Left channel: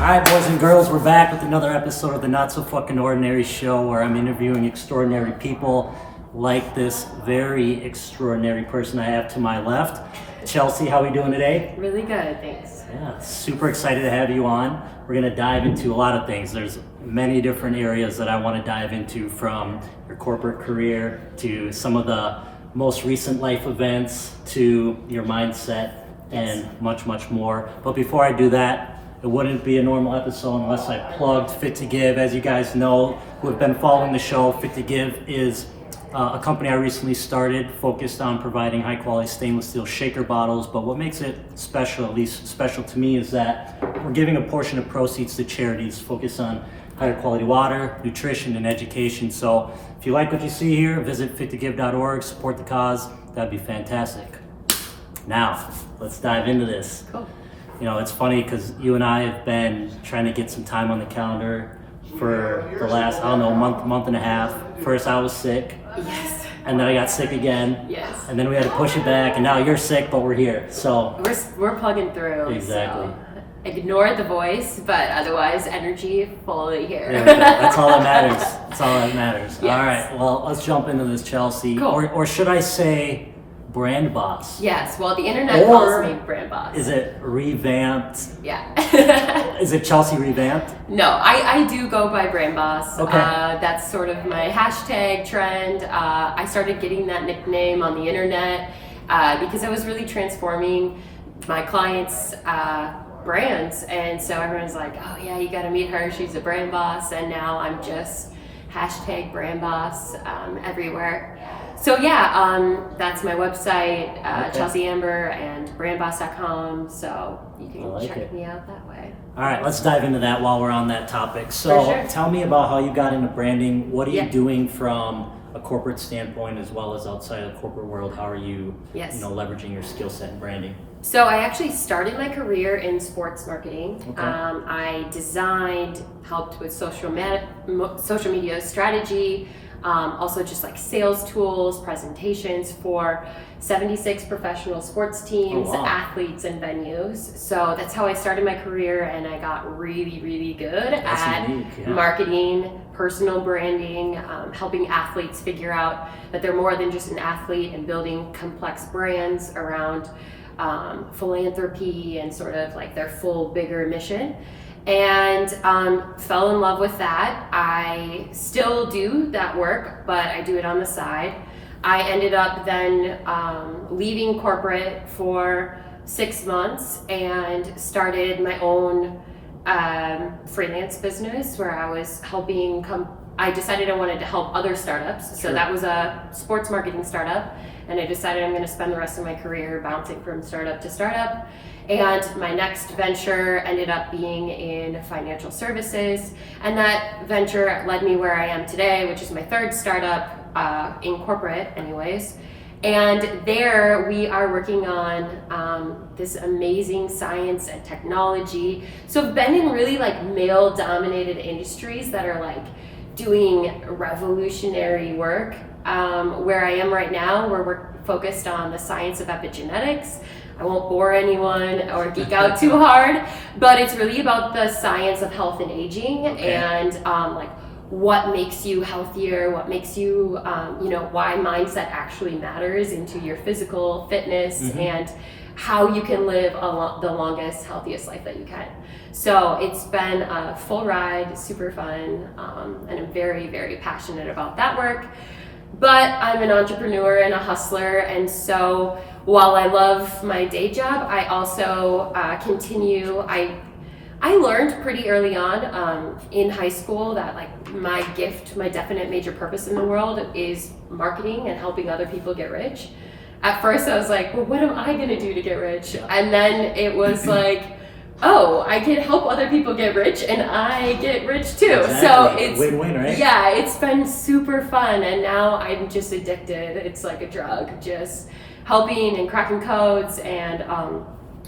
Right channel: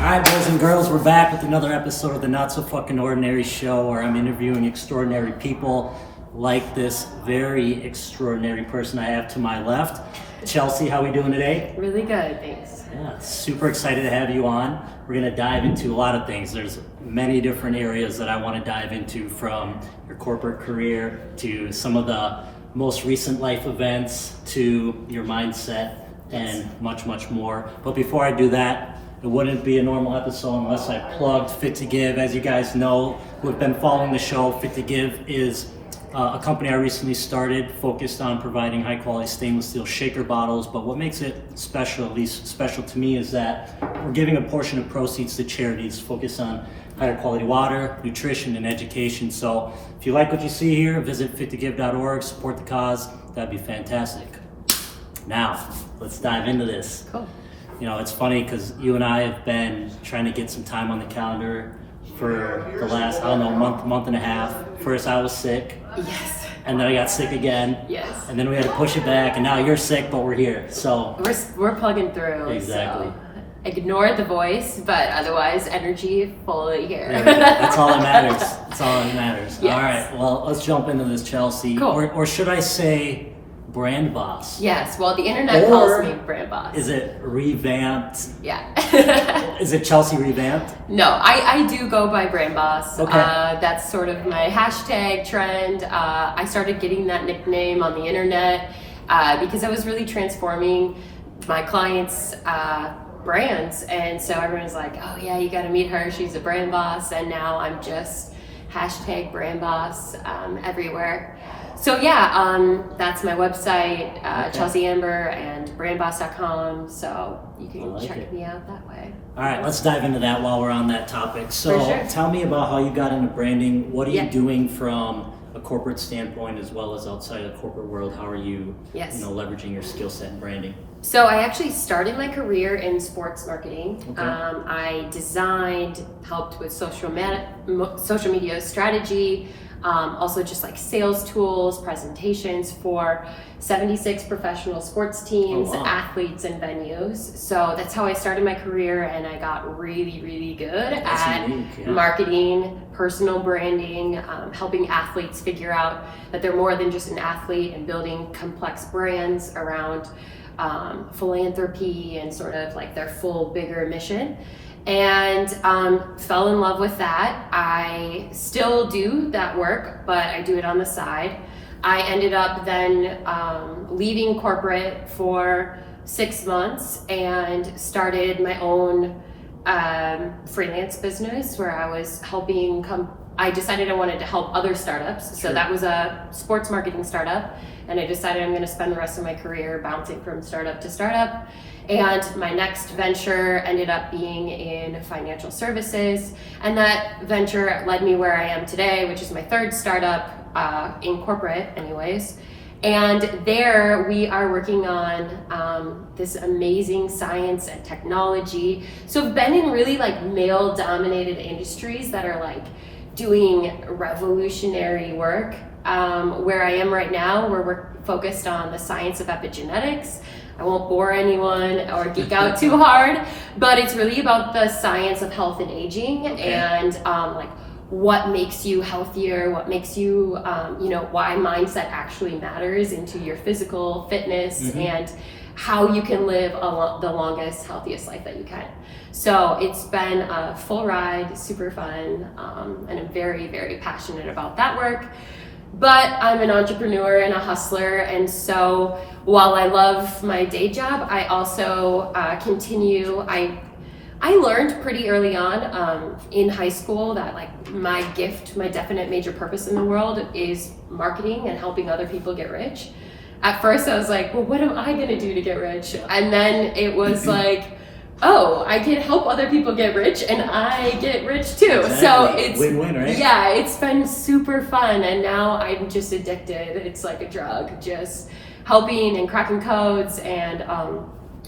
Alright, boys and girls, we're back with another episode of the Not So Fucking Ordinary Show, where I'm interviewing extraordinary people like this very extraordinary person I have to my left. Chelsea, how are we doing today? Really good, thanks. Yeah, super excited to have you on. We're going to dive into a lot of things. There's many different areas that I want to dive into, from your corporate career to some of the most recent life events to your mindset and much, much more. But before I do that, it wouldn't be a normal episode unless I plugged Fit to Give. As you guys know, who have been following the show, Fit to Give is a company I recently started focused on providing high quality stainless steel shaker bottles. But what makes it special, at least special to me, is that we're giving a portion of proceeds to charities focused on higher quality water, nutrition, and education. So if you like what you see here, visit fit2give.org, support the cause. That'd be fantastic. Now, let's dive into this. Cool. You know, it's funny because you and I have been trying to get some time on the calendar for the last, month and a half. First I was sick. Yes. And then I got sick again. Yes. And then we had to push it back, and now you're sick, but we're here. So we're plugging through. Exactly. So ignore the voice, but otherwise energy fully here. there we go. That's all that matters. That's all that matters. Yes. All right, well, let's jump into this, Chelsea. Cool. Or should I say BrandBoss? Yes, well, the internet calls me BrandBoss. Is it revamped? Yeah. Is it Chelsea revamped? No, I do go by BrandBoss. Okay. That's sort of my hashtag trend. I started getting that nickname on the internet because I was really transforming my clients' brands. And so everyone's like, oh yeah, you got to meet her. She's a brand boss. And now I'm just hashtag BrandBoss everywhere. So yeah, that's my website, Okay. Chelsie Amber, and brandboss.com. So you can I like check it. me out that way. All right, let's dive into that while we're on that topic. So For sure. tell me about how you got into branding. What are you Yeah. doing from a corporate standpoint as well as outside of the corporate world? How are you, Yes. leveraging your skill set in branding? So I actually started my career in sports marketing. Okay. I designed, helped with social media strategy, also just like sales tools, presentations for 76 professional sports teams, Oh, wow. athletes, and venues. So that's how I started my career, and I got really, really good That's at unique, yeah. marketing, personal branding, helping athletes figure out that they're more than just an athlete, and building complex brands around philanthropy and sort of like their full bigger mission. And fell in love with that. I still do that work, but I do it on the side. I ended up then leaving corporate for 6 months and started my own freelance business where I was helping I decided I wanted to help other startups. So Sure. that was a sports marketing startup. And I decided I'm going to spend the rest of my career bouncing from startup to startup. And my next venture ended up being in financial services. And that venture led me where I am today, which is my third startup in corporate anyways. And there we are working on this amazing science and technology. So I've been in really like male dominated industries that are like doing revolutionary work. Where I am right now, where we're focused on the science of epigenetics. I won't bore anyone or geek out too hard, but it's really about the science of health and aging. Okay. And like what makes you healthier, what makes you, why mindset actually matters into your physical fitness, Mm-hmm. and how you can live the longest, healthiest life that you can. So it's been a full ride, super fun, and I'm very, very passionate about that work. But I'm an entrepreneur and a hustler, and so while I love my day job, I also continue. I learned pretty early on in high school that like my gift, my definite major purpose in the world is marketing and helping other people get rich. At first I was like, well, what am I gonna do to get rich? And then it was like, oh, I can help other people get rich and I get rich too. Exactly. So it's win-win, right? Yeah, it's been super fun, and now I'm just addicted. It's like a drug, just helping and cracking codes and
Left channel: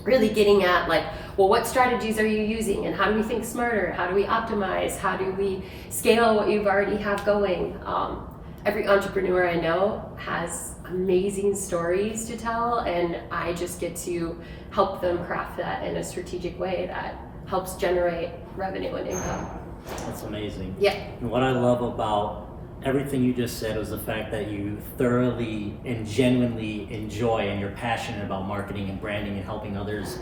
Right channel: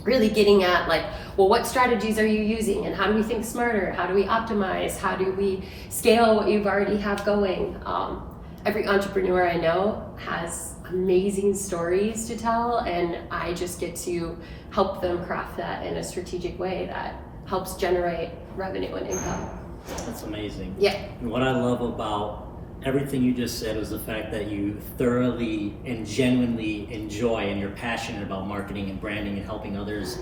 really getting at like, well, what strategies are you using and how do we think smarter? How do we optimize? How do we scale what you already have going? Every entrepreneur I know has amazing stories to tell, and I just get to help them craft that in a strategic way that helps generate revenue and income. That's amazing. Yeah. And what I love about everything you just said was the fact that you thoroughly and genuinely enjoy and you're passionate about marketing and branding and helping others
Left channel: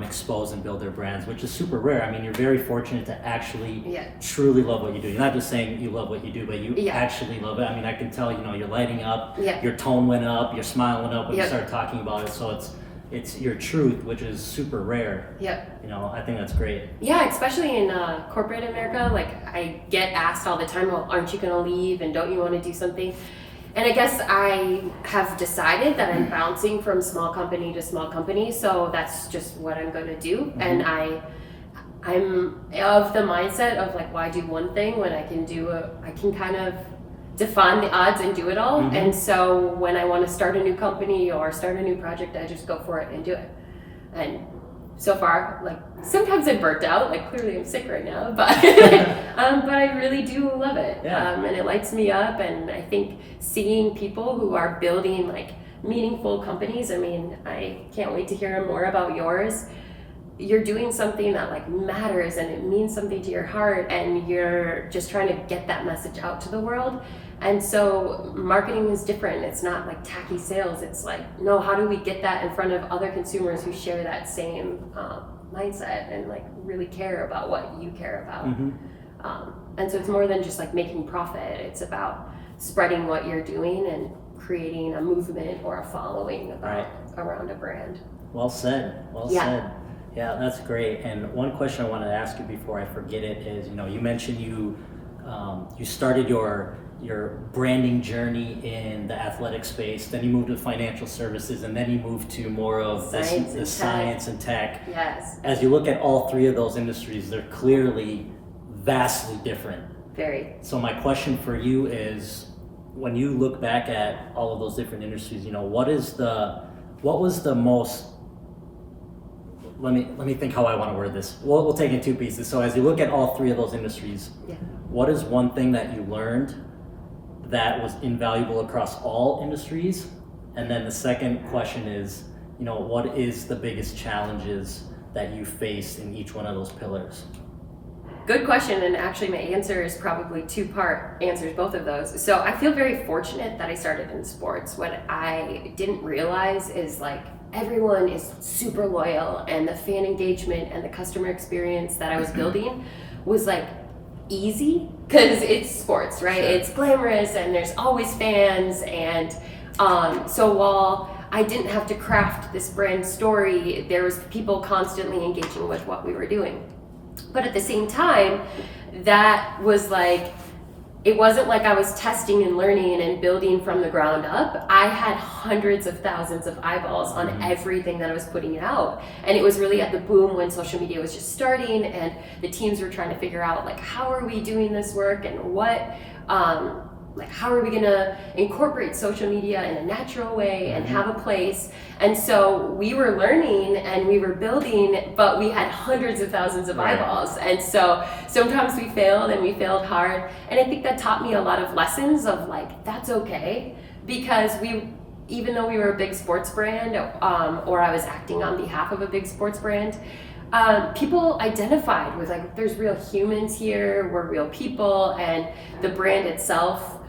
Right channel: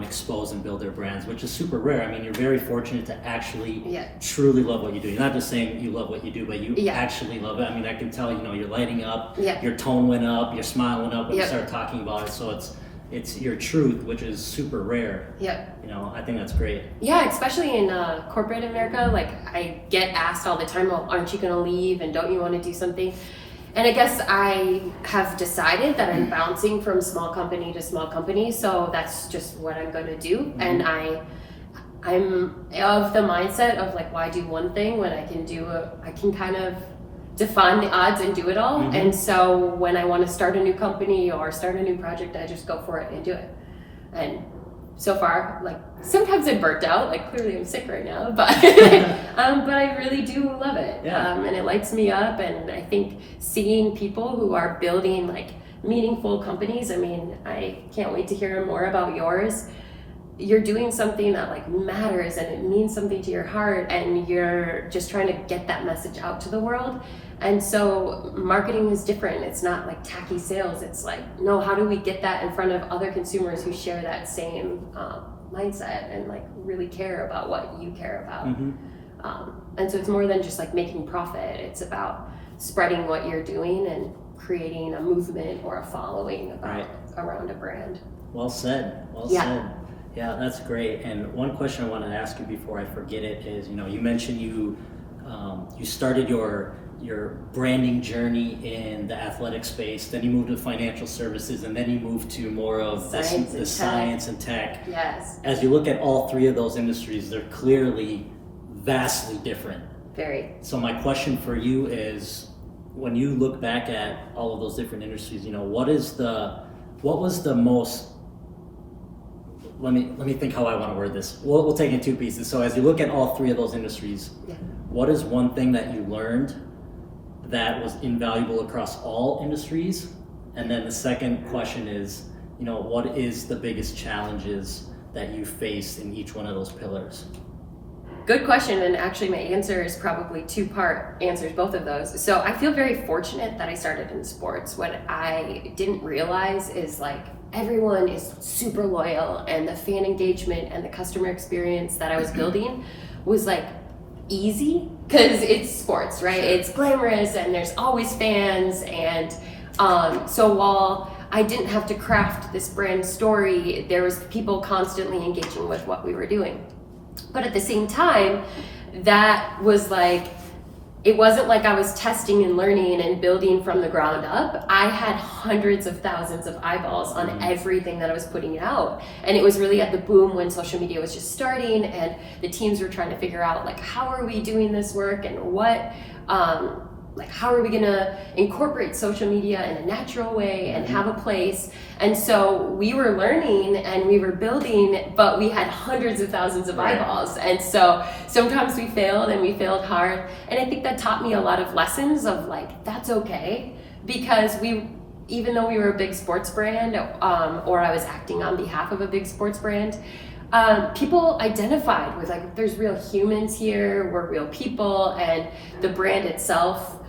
expose and build their brands, which is super rare. I mean, you're very fortunate to actually truly love what you do. You're not just saying that you love what you do, but you actually love it. I mean, I can tell, you're lighting up, your tone went up, your smile went up when you started talking about it. So it's your truth, which is super rare. I think that's great. Yeah, especially in corporate America, like I get asked all the time, well, aren't you gonna leave and don't you want to do something? And I guess I have decided that I'm bouncing from small company to small company, so that's just what I'm going to do. And I'm of the mindset of like, why do one thing when I can kind of define the odds and do it all. And so when I want to start a new company or start a new project, I just go for it and do it. And so far, like sometimes I'm burnt out, like clearly I'm sick right now, but but I really do love it. And it lights me up. And I think seeing people who are building like meaningful companies, I mean, I can't wait to hear more about yours. You're doing something that like matters and it means something to your heart, and you're just trying to get that message out to the world. And so marketing is different. It's not like tacky sales. It's like, no, how do we get that in front of other consumers who share that same mindset and like really care about what you care about? And so it's more than just like making profit. It's about spreading what you're doing and creating a movement or a following around a brand. Well said. Well said. Yeah, that's great. And one question I want to ask you before I forget it is, you mentioned you started your branding journey in the athletic space, then you moved to financial services, and then you moved to more of the science and tech. Yes. As you look at all three of those industries, they're clearly vastly different. Very. So my question for you is, when you look back at all of those different industries, what was the most, let me think how I want to word this. We'll take it in two pieces. So as you look at all three of those industries, what is one thing that you learned that was invaluable across all industries? And then the second question is, what is the biggest challenges that you faced in each one of those pillars? Good question, and actually my answer is probably two-part answers, both of those. So I feel very fortunate that I started in sports. What I didn't realize is like everyone is super loyal, and the fan engagement and the customer experience that I was building was like easy because it's sports, right? Sure. It's glamorous and there's always fans, and so while I didn't have to craft this brand story, there was people constantly engaging with what we were doing. But at the same time, that was like, it wasn't like I was testing and learning and building from the ground up. I had hundreds of thousands of eyeballs on everything that I was putting out. And it was really at the boom when social media was just starting, and the teams were trying to figure out like, how are we doing this work, and what, like how are we gonna incorporate social media in a natural way and have a place. And so we were learning and we were building, but we had hundreds of thousands of eyeballs. And so sometimes we failed, and we failed hard. And I think that taught me a lot of lessons of like, that's okay, because even though we were a big sports brand, or I was acting on behalf of a big sports brand, people identified with like, there's real humans here, we're real people, and the brand itself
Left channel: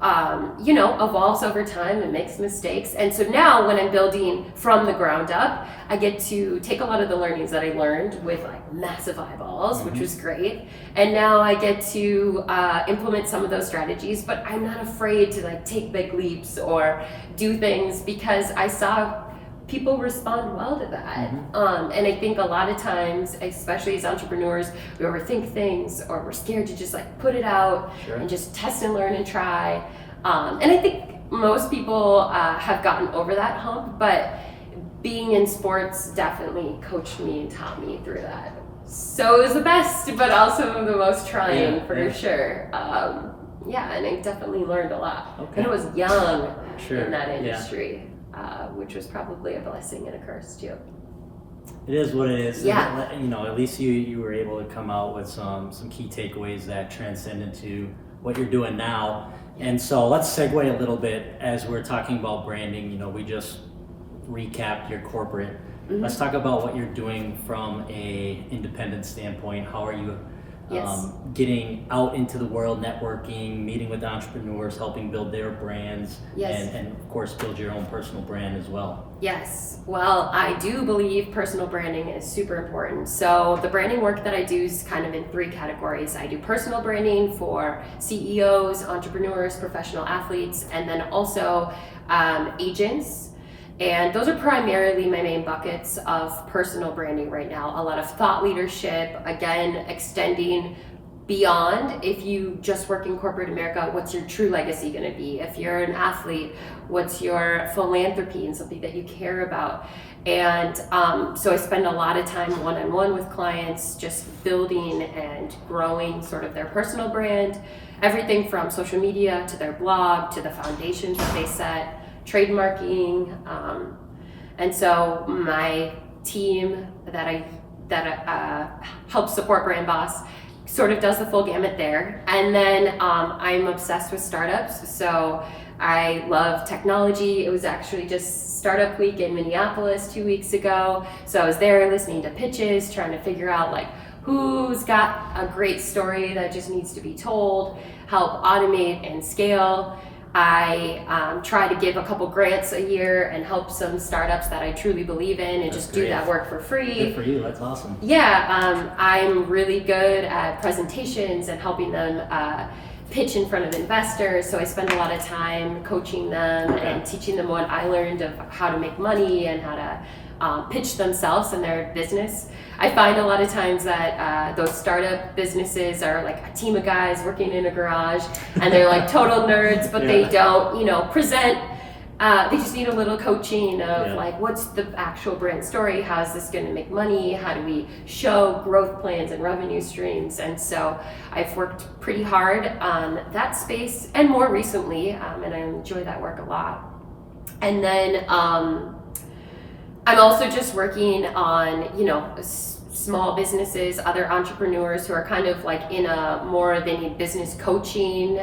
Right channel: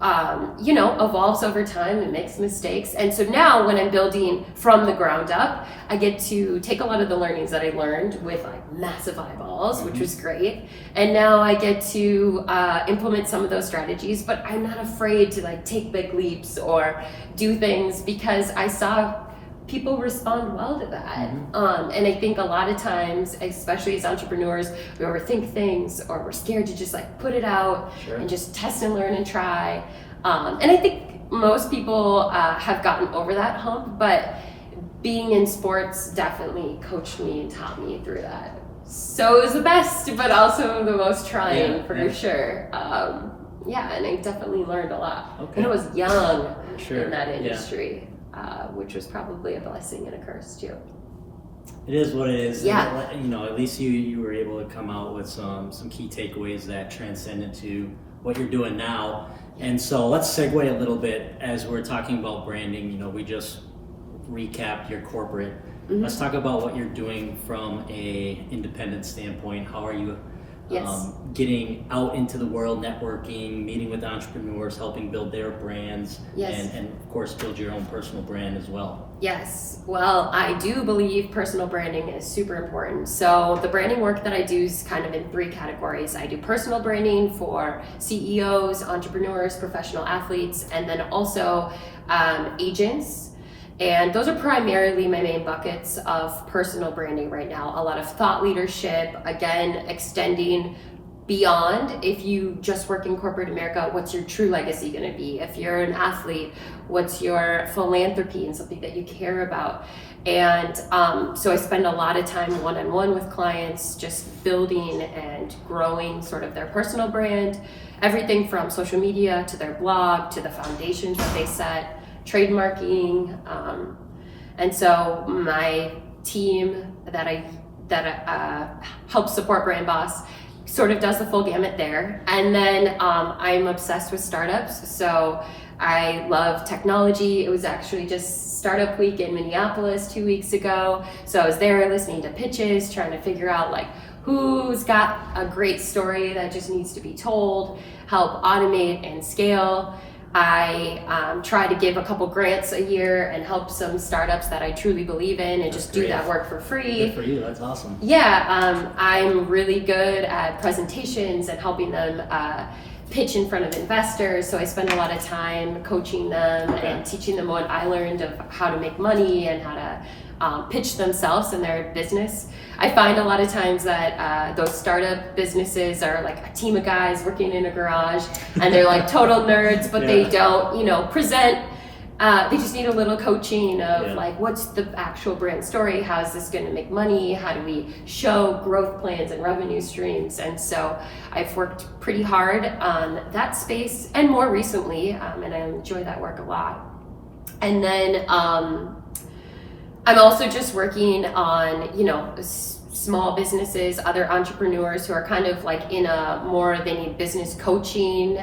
evolves over time and makes mistakes. And so now when I'm building from the ground up, I get to take a lot of the learnings that I learned with like massive eyeballs, which was great. And now I get to implement some of those strategies, but I'm not afraid to like take big leaps or do things, because I saw people respond well to that. And I think a lot of times, especially as entrepreneurs, we overthink things, or we're scared to just like put it out and just test and learn and try. And I think most people have gotten over that hump, but being in sports definitely coached me and taught me through that. So it was the best, but also the most trying for sure. And I definitely learned a lot. And I was young in that industry. Which was probably a blessing and a curse too. It is what it is. At least you were able to come out with some key takeaways that transcend into what you're doing now. And so let's segue a little bit as we're talking about branding. We just recap your corporate. Mhm. Let's talk about what you're doing from a independent standpoint. How are you Yes. getting out into the world, networking, meeting with entrepreneurs, helping build their brands, Yes. and of course build your own personal brand as well? Yes. Well, I do believe personal branding is super important. So the branding work that I do is kind of in three categories. I do personal branding for CEOs, entrepreneurs, professional athletes, and then also agents. And those are primarily my main buckets of personal branding right now. A lot of thought leadership, again, extending beyond. If you just work in corporate America, what's your true legacy going to be? If you're an athlete, what's your philanthropy and something that you care about? And so I spend a lot of time one-on-one with clients, just building and growing sort of their personal brand, everything from social media to their blog to the foundations that they set, trademarking, and so my team that helps support BrandBoss sort of does the full gamut there. And then I'm obsessed with startups, so I love technology. It was actually just Startup Week in Minneapolis 2 weeks ago, so I was there listening to pitches, trying to figure out like who's got a great story that just needs to be told, help automate and scale. I try to give a couple grants a year and help some startups that I truly believe in, and That's just great. do that work for free. Good for you. That's awesome. Yeah, I'm really good at presentations and helping them pitch in front of investors. So I spend a lot of time coaching them and teaching them what I learned of how to make money and how to pitch themselves and their business. I find a lot of times that those startup businesses are like a team of guys working in a garage, and they're like total nerds, but they don't, present. They just need a little coaching of like, what's the actual brand story? How is this going to make money? How do we show growth plans and revenue streams? And so I've worked pretty hard on that space, and more recently, and I enjoy that work a lot. And then I'm also just working on, small businesses, other entrepreneurs who are kind of like in a more, they need business coaching,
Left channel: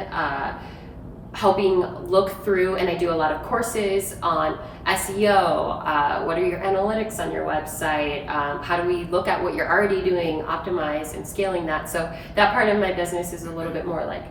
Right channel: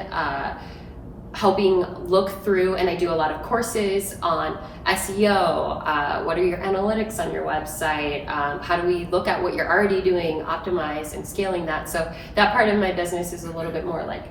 helping look through, and I do a lot of courses on SEO, what are your analytics on your website, how do we look at what you're already doing, optimize and scaling that. So that part of my business is a little bit more like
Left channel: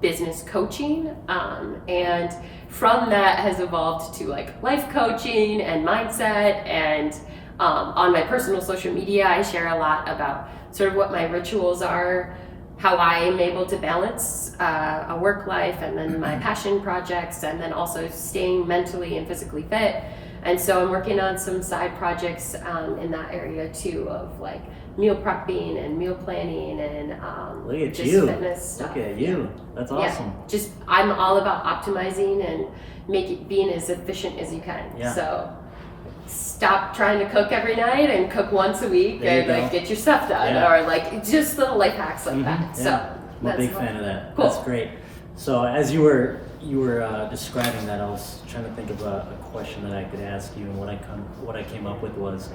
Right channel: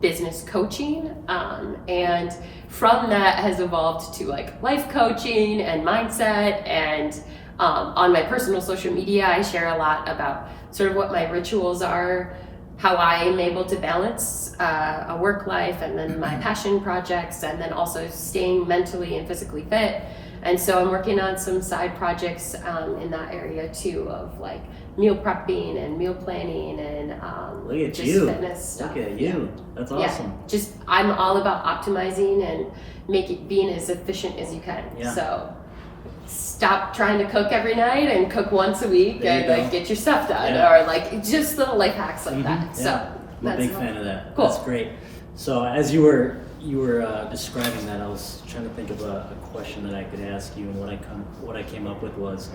business coaching, and from that has evolved to like life coaching and mindset. And on my personal social media, I share a lot about sort of what my rituals are, how I'm able to balance a work life and then my passion projects, and then also staying mentally and physically fit. And so I'm working on some side projects in that area too, of like meal prepping and meal planning and Look at just you. fitness stuff. Look at you. That's awesome. Yeah, just I'm all about optimizing and being as efficient as you can. Yeah. So stop trying to cook every night and cook once a week There you and go. like get your stuff done, Yeah. or like just little life hacks like that. Yeah. So I'm a that's big fan of that. Cool. That's great. So as you were describing that, I was trying to think of a question that I could ask you, and what I came up with was,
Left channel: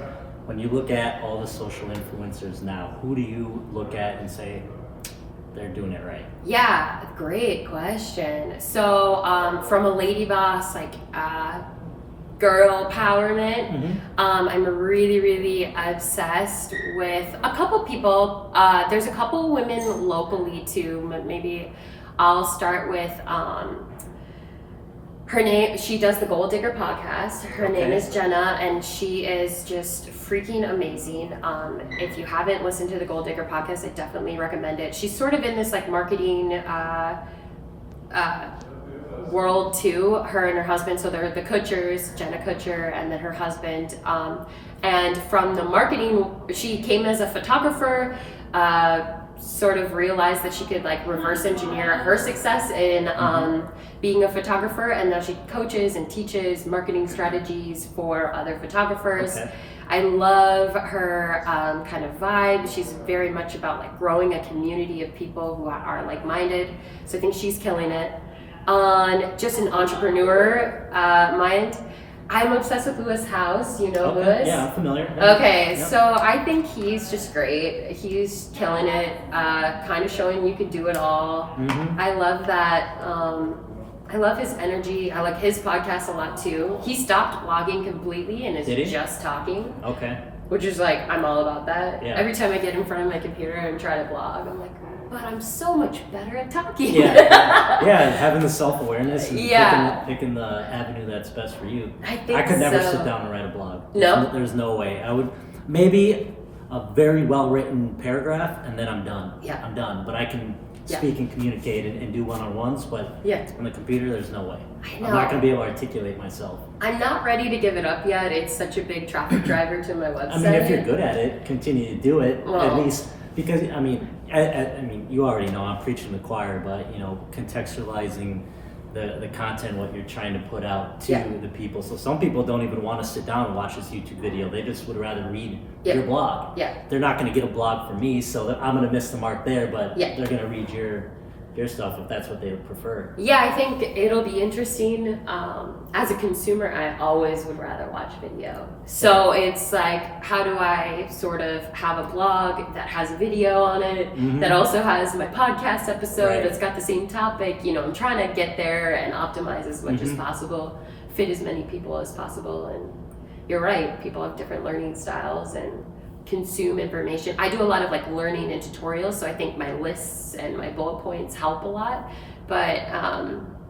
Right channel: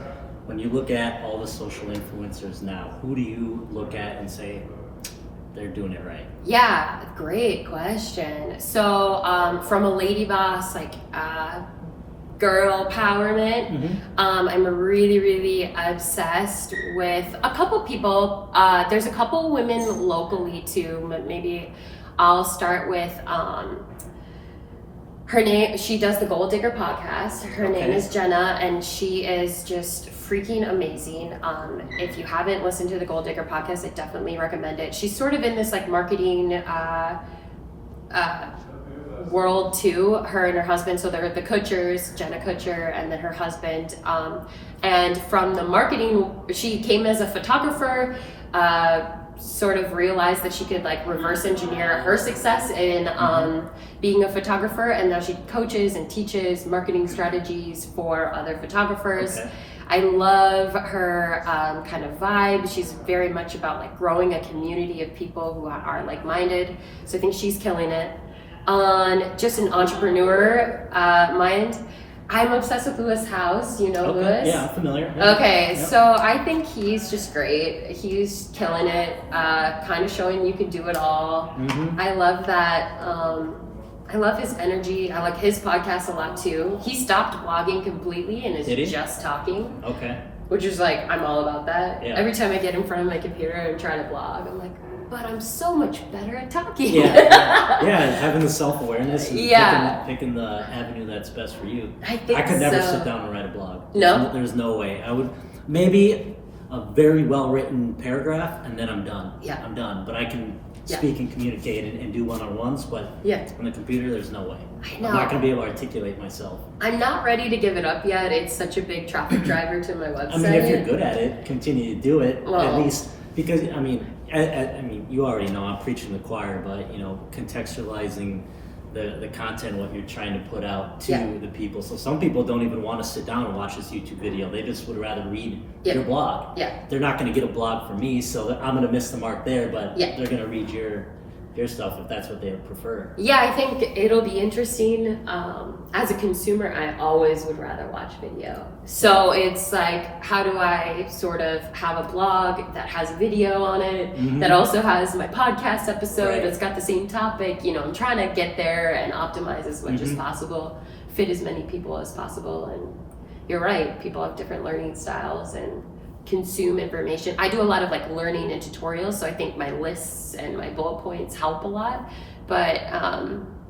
when you look at all the social influencers now, who do you look at and say they're doing it right? Yeah, great question. So from a lady boss, like girl empowerment, I'm really, really obsessed with a couple people. There's a couple women locally too. Maybe I'll start with her name. She does the Gold Digger podcast. Her name is Jenna, and she is just freaking amazing. If you haven't listened to the Gold Digger podcast, I definitely recommend it. She's sort of in this like marketing world too, her and her husband. So they're the Kutchers, Jenna Kutcher, and then her husband. And from the marketing, she came as a photographer, sort of realized that she could like reverse engineer her success in being a photographer, and now she coaches and teaches marketing strategies for other photographers. I love her kind of vibe. She's very much about like growing a community of people who are like-minded. So I think she's killing it. On just an entrepreneur mind, I'm obsessed with Lewis House. You know Lewis? Yeah, I'm familiar. Yeah. Okay, Yep. so I think he's just great. He's killing it, kind of showing you can do it all. I love that. I love his energy. I like his podcast a lot too. He stopped blogging completely and is just talking. Okay. Which is like, I'm all about that. Yeah. Every time I get in front of my computer and try to blog, I'm like, but I'm so much better at talking. Yeah, having the self-awareness and picking the avenue that's best for you. I could never sit down and write a blog. No? There's no way. I would, maybe a very well-written paragraph and then I'm done. Yeah. I'm done. But I can speak and communicate and do one-on-ones, but on the computer, there's no way. I know. I'm not going to be able to articulate myself. I'm not ready to give it up yet. It's such a big traffic driver to my website. I mean, if you're good at it, continue to do it, at least, because, I mean, you already know I'm preaching to the choir, but, you know, contextualizing the content, what you're trying to put out to the people. So some people don't even want to sit down and watch this YouTube video. They just would rather read your blog. They're not going to get a blog from me, so I'm going to miss the mark there, but they're going to read your stuff if that's what they would prefer. Yeah, I think it'll be interesting. As a consumer, I always would rather watch video. So it's like, how do I sort of have a blog that has video on it, that also has my podcast episode that's got the same topic? You know, I'm trying to get there and optimize as much as possible, fit as many people as possible. And you're right, people have different learning styles and consume information. I do a lot of like learning and tutorials, so I think my lists and my bullet points help a lot, but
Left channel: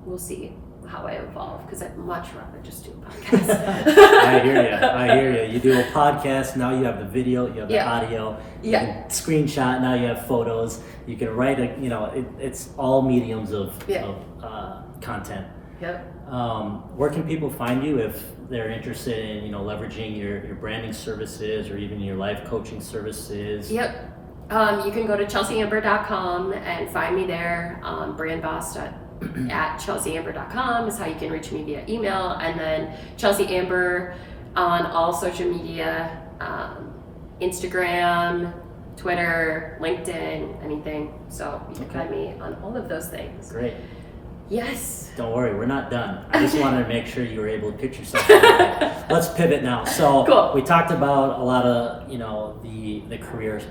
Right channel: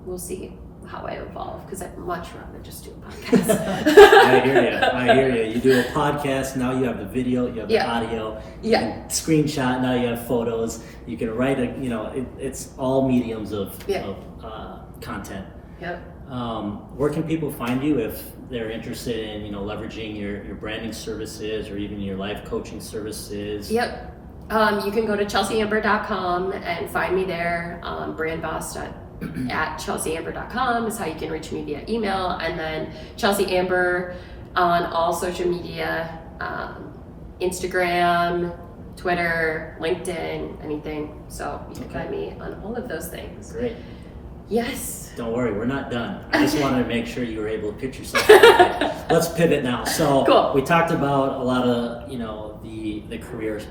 we'll see how I evolve, because I'd much rather just do a podcast. I hear you. You do a podcast, now you have the video, you have the audio, you can screenshot, now you have photos, you can write, it's all mediums of content. Where can people find you if they're interested in, leveraging your branding services or even your life coaching services? You can go to chelseeamber.com and find me there. BrandBoss at chelseeamber.com is how you can reach me via email, and then Chelsea Amber on all social media, Instagram, Twitter, LinkedIn, anything. So you can find me on all of those things. Great. Yes. Don't worry, we're not done. I just wanted to make sure you were able to pitch yourself. Let's pivot now. So we talked about a lot of, the career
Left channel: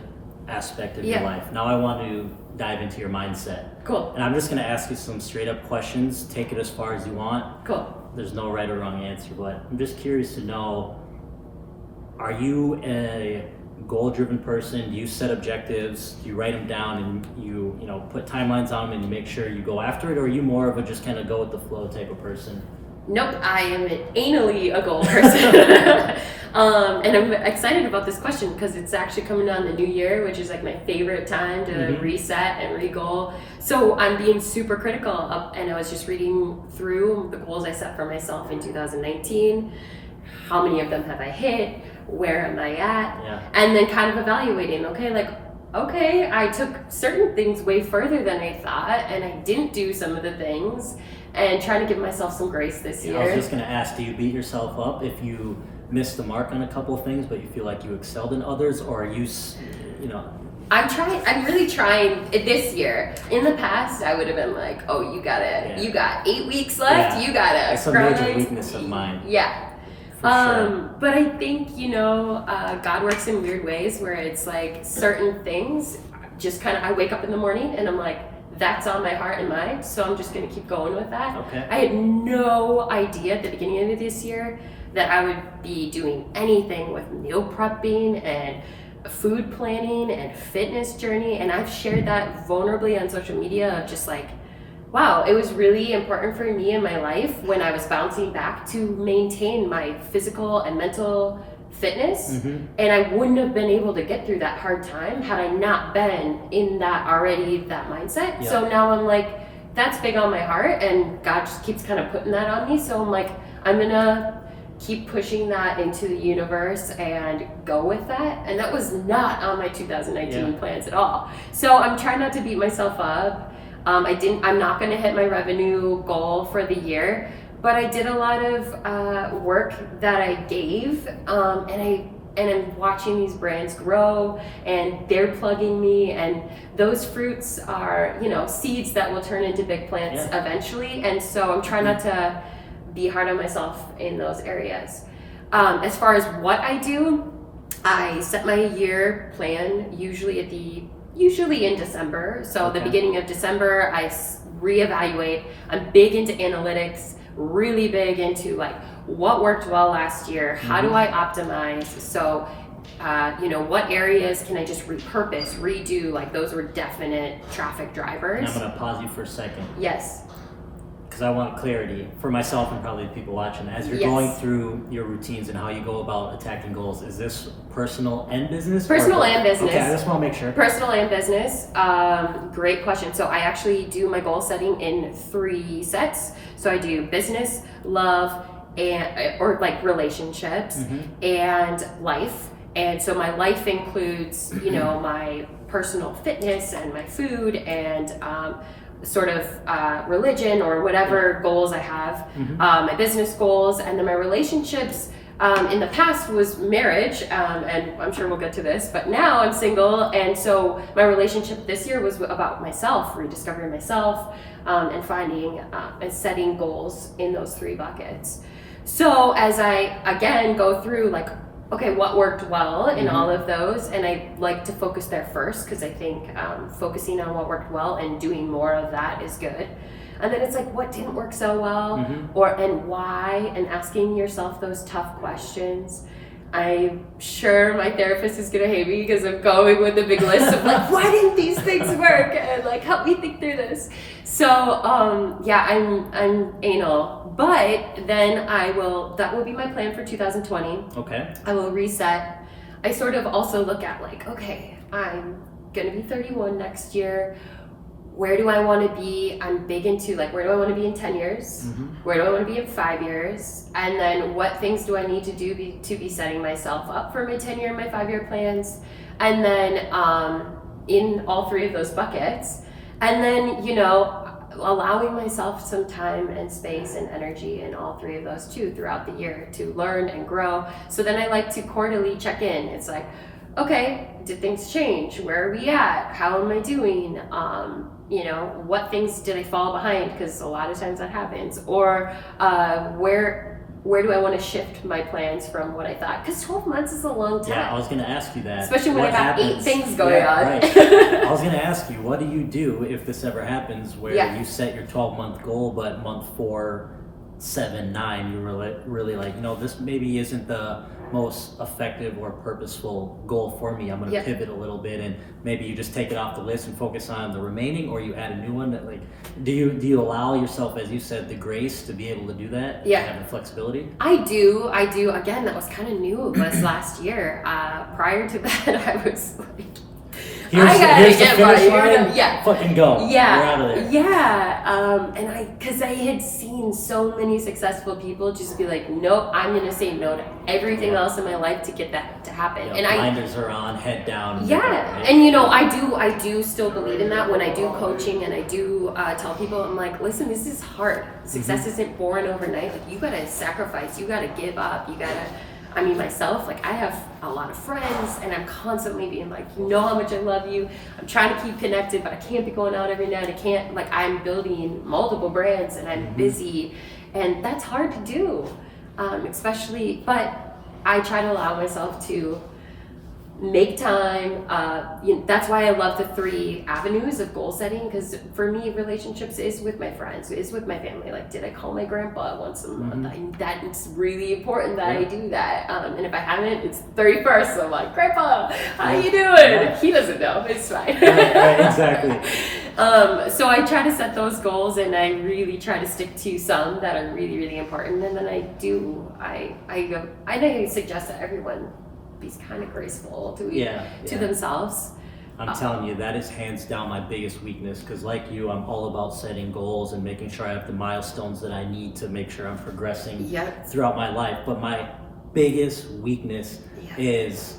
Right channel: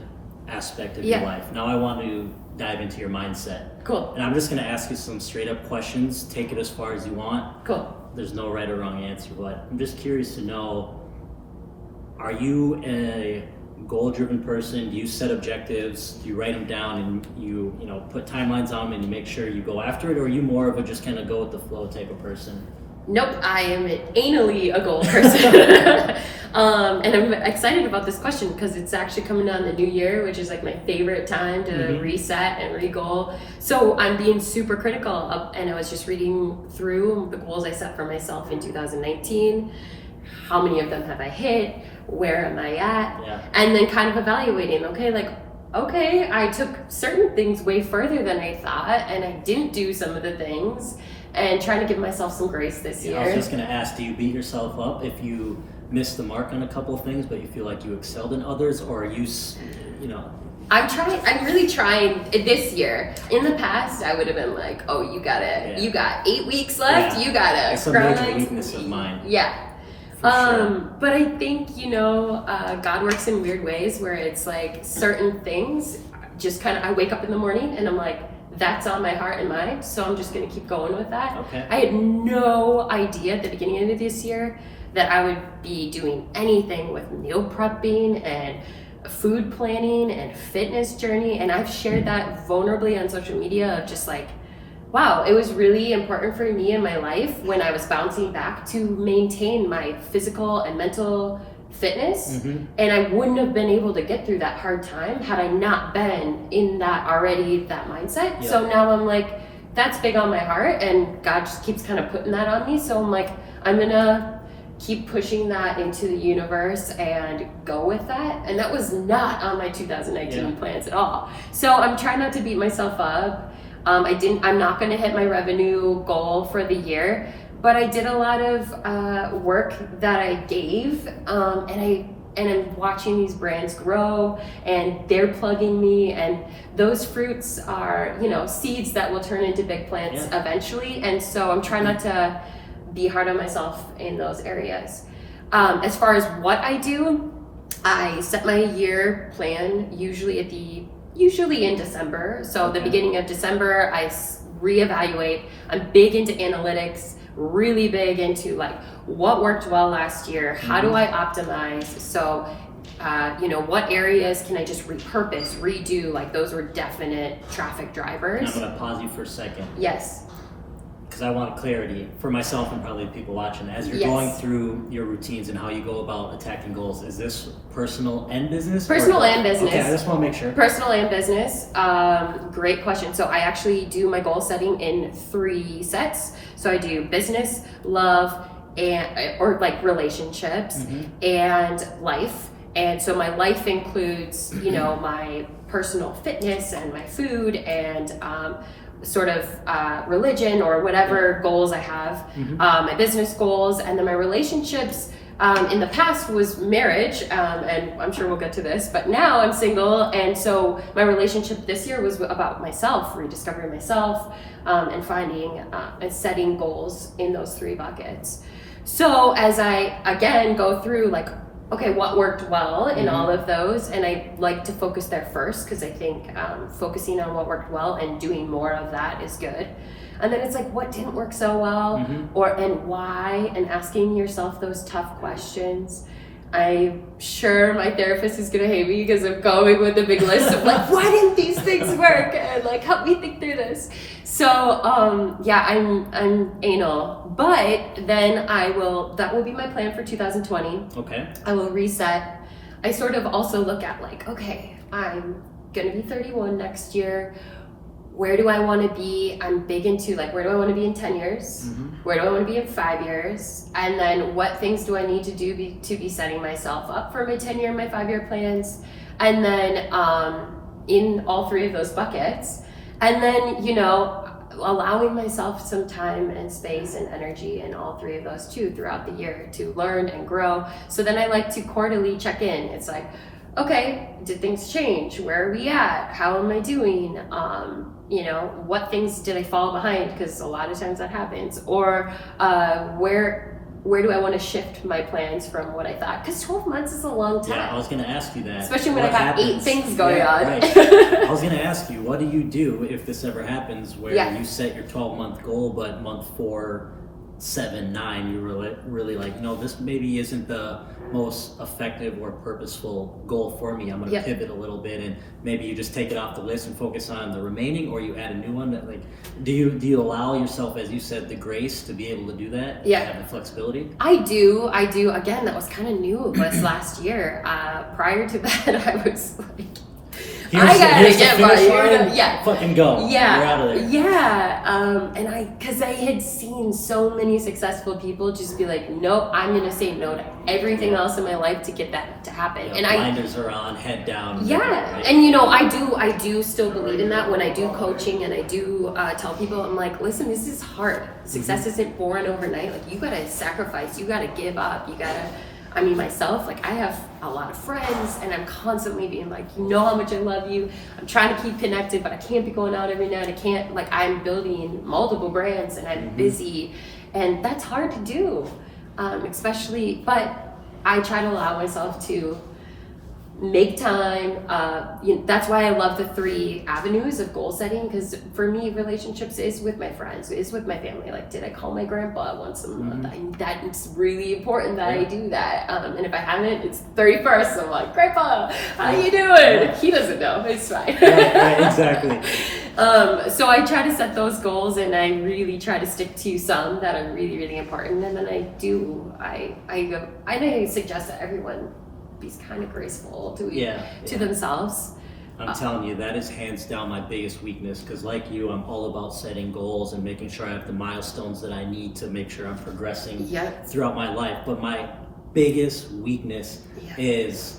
aspect of your life. Now I want to dive into your mindset. Cool. And I'm just going to ask you some straight up questions. Take it as far as you want. Cool. There's no right or wrong answer, but I'm just curious to know, are you a goal-driven person? Do you set objectives? Do you write them down and you put timelines on them and you make sure you go after it? Or are you more of a just kind of go with the flow type of person? Nope, I am anally a goal person. And I'm excited about this question because it's actually coming on the new year, which is like my favorite time to reset and re-goal. So I'm being super critical and I was just reading through the goals I set for myself in 2019. How many of them have I hit? Where am I at? And then kind of evaluating, okay, I took certain things way further than I thought and I didn't do some of the things, and trying to give myself some grace this year. I was just going to ask, do you beat yourself up if you missed the mark on a couple of things, but you feel like you excelled in others, or are you, I'm really trying this year. In the past, I would have been like, oh, you got 8 weeks left, you gotta That's a major weakness of mine. Sure. But I think, God works in weird ways where it's like certain things just kind of, I wake up in the morning and I'm like, that's on my heart and mind, so I'm just going to keep going with that. Okay. I had no idea at the beginning of this year that I would be doing anything with meal prepping and food planning and fitness journey, and I've shared that vulnerably on social media of just like, wow, it was really important for me in my life when I was bouncing back to maintain my physical and mental fitness, and I wouldn't have been able to get through that hard time had I not been in that mindset. So now I'm like, that's big on my heart, and God just keeps kind of putting that on me. So I'm like, I'm gonna keep pushing that into the universe and go with that. And that was not on my 2019 plans at all. So I'm trying not to beat myself up. I'm not going to hit my revenue goal for the year, but I did a lot of work that I gave, and I'm watching these brands grow, and they're plugging me, and those fruits are, seeds that will turn into big plants eventually. And so I'm trying not to be hard on myself in those areas. As far as what I do, I set my year plan usually in December. So the beginning of December, I reevaluate. I'm big into analytics, really big into like what worked well last year, how do I optimize? So what areas can I just repurpose, redo? Like those were definite traffic drivers. And I'm gonna pause you for a second. Yes. Because I want clarity for myself and probably the people watching. As you're going through your routines and how you go about attacking goals, is this personal and business? Personal and business. Okay, I just want to make sure. Personal and business. Great question. So I actually do my goal setting in 3 sets. So I do business, love, or like relationships, and life. And so my life includes, my personal fitness and my food and sort of religion or whatever goals I have, my business goals, and then my relationships. In the past was marriage, and I'm sure we'll get to this, but now I'm single, and so my relationship this year was about myself, rediscovering myself, and finding and setting goals in those 3 buckets. So as I again go through like, okay, what worked well in all of those, and I like to focus there first because I think focusing on what worked well and doing more of that is good. And then it's like, what didn't work so well, and why, and asking yourself those tough questions. I'm sure my therapist is gonna hate me because I'm going with a big list of like, why didn't these things work, and like help me think through this. So I'm anal, but then that will be my plan for 2020. Okay. I will reset. I sort of also look at like, okay, I'm gonna be 31 next year. Where do I want to be? I'm big into like, where do I want to be in 10 years? Where do I want to be in 5 years? And then what things do I need to do to be setting myself up for my 10-year and my 5-year plans? And then in all 3 of those buckets. And then, allowing myself some time and space and energy in all 3 of those too throughout the year to learn and grow. So then I like to quarterly check in. It's like, okay, did things change? Where are we at? How am I doing? What things did I fall behind? Because a lot of times that happens. Or where do I want to shift my plans from what I thought? Because 12 months is a long time. Yeah, I was going to ask you that. Especially when I have 8 things going on. Right. I was going to ask you, what do you do if this ever happens where you set your 12-month goal, but month 4, 7, 9, you were really like, no, this maybe isn't the most effective or purposeful goal for me. I'm going to pivot a little bit, and maybe you just take it off the list and focus on the remaining, or you add a new one. That like, do you allow yourself, as you said, the grace to be able to do that? Yeah, have the flexibility. I do. Again, that was kind of new of us last year. Prior to that, I was like, I gotta get my fucking go. Yeah, you're out of there. Yeah. Because I had seen so many successful people just be like, nope, I'm gonna say no to everything else in my life to get that to happen. Yeah, and blinders are on, head down. Yeah, right? and I do still believe in that when I do coaching, and I do tell people, I'm like, listen, this is hard. Success isn't born overnight. Like, you gotta sacrifice, you gotta give up, you gotta. Myself, like, I have a lot of friends, and I'm constantly being like, you know how much I love you. I'm trying to keep connected, but I can't be going out every night. I can't, like, I'm building multiple brands, and I'm busy, and that's hard to do, especially, but I try to allow myself to make time. That's why I love the 3 avenues of goal setting, because for me, relationships is with my friends, is with my family. Like, did I call my grandpa once a month? That's really important that I do that. And if I haven't, it's 31st. So I'm like, Grandpa, how you doing? He doesn't know. It's fine. Right, exactly. So I try to set those goals, and I really try to stick to some that are really, really important. And then I suggest that everyone be kind of graceful to themselves. I'm telling you, that is hands down my biggest weakness, because like you, I'm all about setting goals and making sure I have the milestones that I need to make sure I'm progressing throughout my life. But my biggest weakness is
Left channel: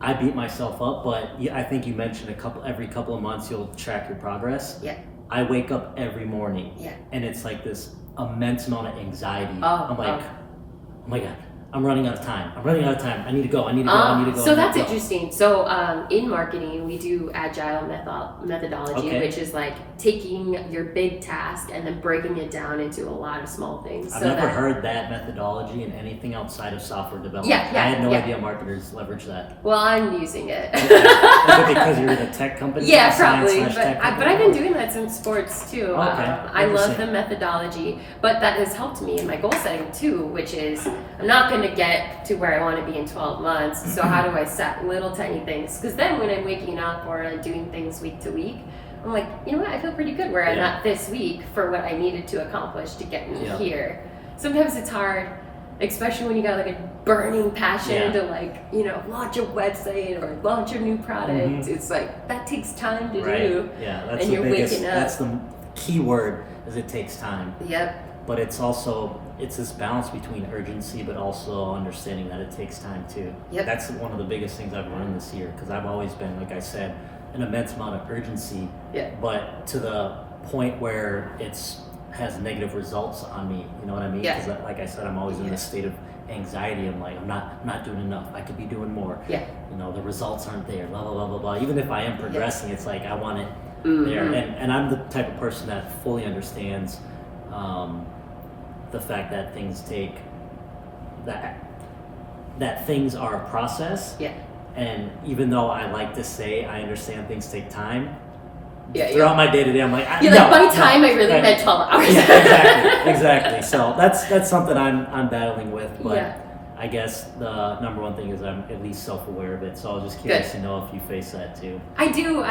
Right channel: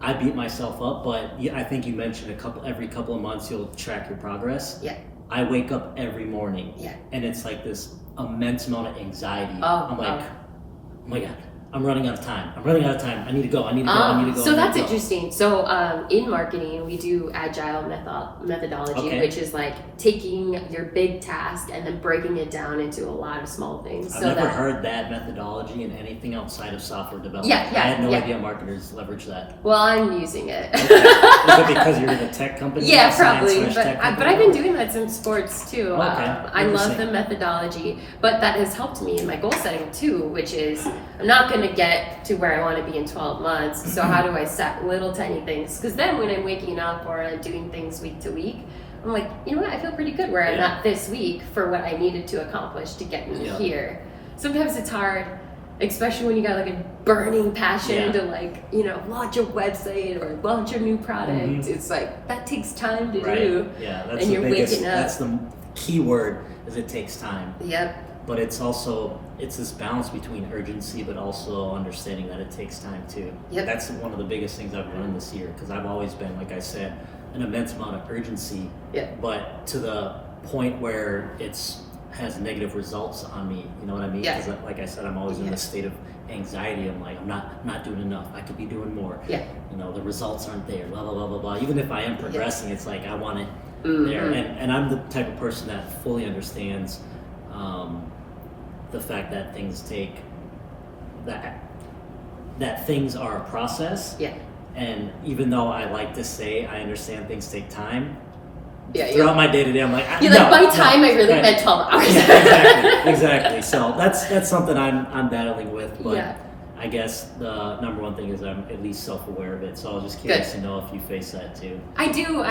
I beat myself up, but I think you mentioned every couple of months you'll track your progress. Yeah. I wake up every morning and it's like this immense amount of anxiety. I'm like, oh my God, I'm running out of time. I need to go. I need to go. So that's interesting. So in marketing, we do agile methodology, Okay. which is like taking your big task and then breaking it down into a lot of small things. I've never heard that methodology in anything outside of software development. Yeah, I had no idea marketers leverage that. Well, I'm using it. Is it because you're in a tech company? Yeah, probably. But But I've been doing that since sports too. Okay. I love the methodology, but that has helped me in my goal setting too, which is I'm not going to get to where I want to be in 12 months. So how do I set little tiny things? Because then when I'm waking up or doing things week to week, I'm like, you know what? I feel pretty good where I'm at this week for what I needed to accomplish to get me here. Sometimes it's hard, especially when you got like a burning passion to like, you know, launch a website or launch a new product. It's like, that takes time to do. Yeah, that's and the you're biggest, waking up. that's the key word, is it takes time. Yep. But it's also, it's this balance between urgency, but also understanding that it takes time too. Yep. That's one of the biggest things I've learned this year, because I've always been, like I said, an immense amount of urgency, but to the point where has negative results on me. You know what I mean? Because like I said, I'm always in this state of anxiety. I'm like, I'm not doing enough. I could be doing more. Yeah. You know, the results aren't there. Blah blah blah blah blah. Even if I am progressing, it's like I want it Mm-hmm. there. And I'm the type of person that fully understands the fact that things take that things are a process. Yeah. And even though I like to say I understand things take time, Yeah, throughout my day to day, I'm like, you're like, by time I really meant 12 hours. Yeah, exactly. So that's something I'm battling with. But I guess the number one thing is I'm at least self-aware of it. So I was just curious to know if you face that too. I do.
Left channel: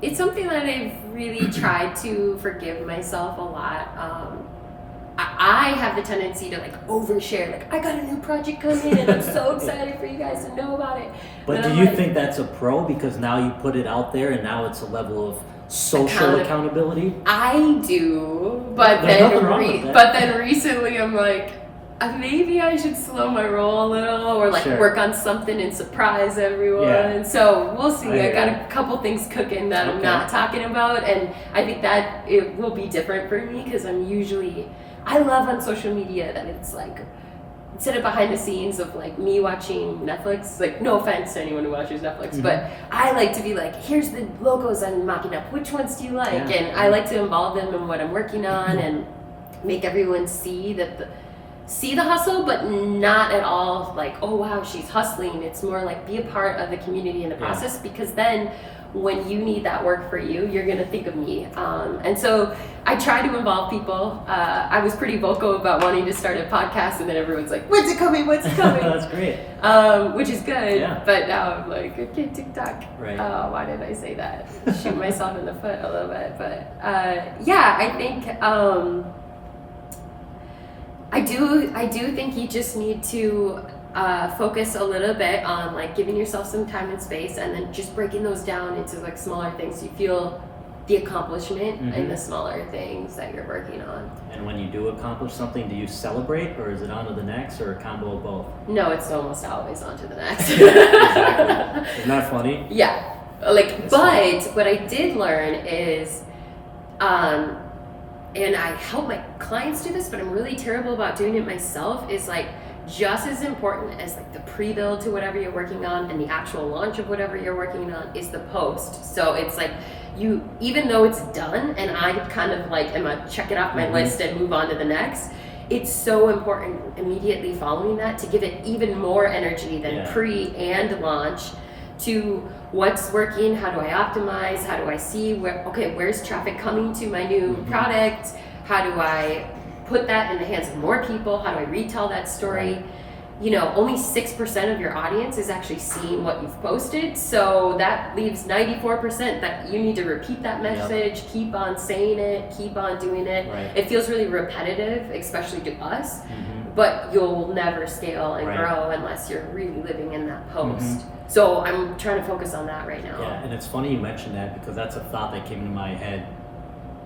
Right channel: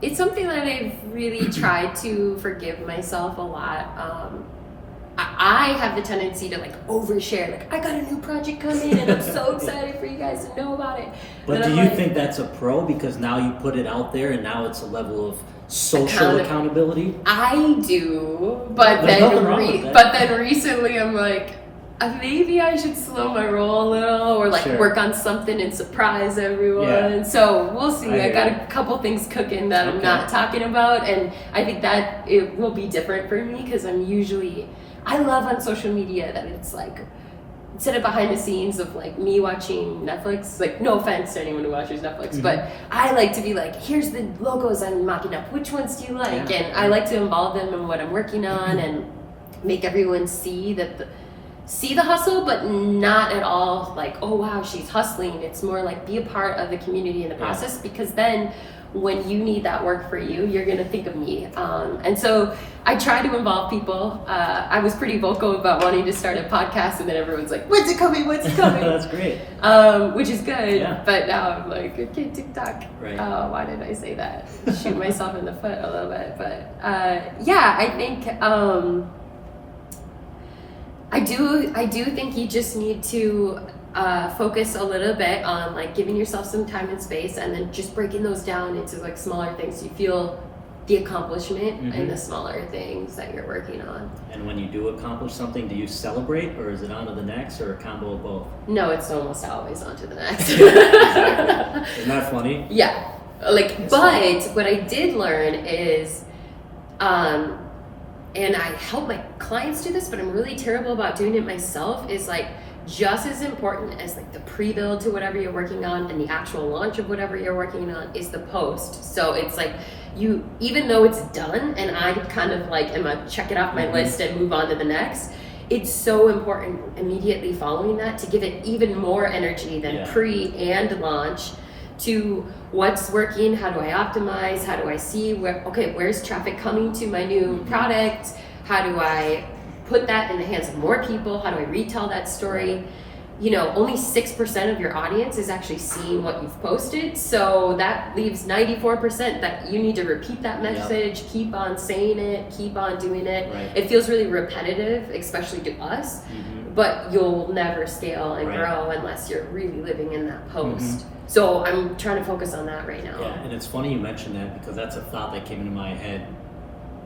It's something that I've really tried to forgive myself a lot. I have the tendency to like overshare, like I got a new project coming and I'm so excited for you guys to know about it. But do you think that's a pro, because now you put it out there and now it's a level of social accountability? I do, but then recently I'm like, maybe I should slow my roll a little, or like work on something and surprise everyone. Yeah. So we'll see. I got a couple things cooking that I'm not talking about, and I think that it will be different for me, because I love on social media that it's like, instead of behind the scenes of like me watching Netflix, like no offense to anyone who watches Netflix, but I like to be like, here's the logos I'm mocking up, which ones do you like? And I like to involve them in what I'm working on and make everyone see the hustle, but not at all like, oh wow, she's hustling. It's more like be a part of the community in the process, because then when you need that work for you, you're gonna think of me. And so I try to involve people. I was pretty vocal about wanting to start a podcast, and then everyone's like, when's it coming? That's great. Which is good, but now I'm like, okay, TikTok. Right. Why did I say that? Shoot myself in the foot a little bit. But I think I do think you just need to focus a little bit on like giving yourself some time and space, and then just breaking those down into like smaller things. So you feel the accomplishment in the smaller things that you're working on. And when you do accomplish something, do you celebrate, or is it on to the next, or a combo of both? No, it's almost always on to the next. Exactly. Isn't that funny? Yeah. What I did learn is, and I help my clients do this, but I'm really terrible about doing it myself, is like, just as important as like the pre-build to whatever you're working on and the actual launch of whatever you're working on is the post. So it's like, even though it's done and I kind of like am a check it off my list and move on to the next, it's so important immediately following that to give it even more energy than pre and launch, to what's working, how do I optimize, how do I see where's traffic coming to my new product, how do I put that in the hands of more people, how do I retell that story. You know, only 6% of your audience is actually seeing what you've posted, so that leaves 94% that you need to repeat that message, keep on saying it, keep on doing it. It feels really repetitive, especially to us, but you'll never scale and grow unless you're really living in that post. So I'm trying to focus on that right now. Yeah, and it's funny you mentioned that, because that's a thought that came into my head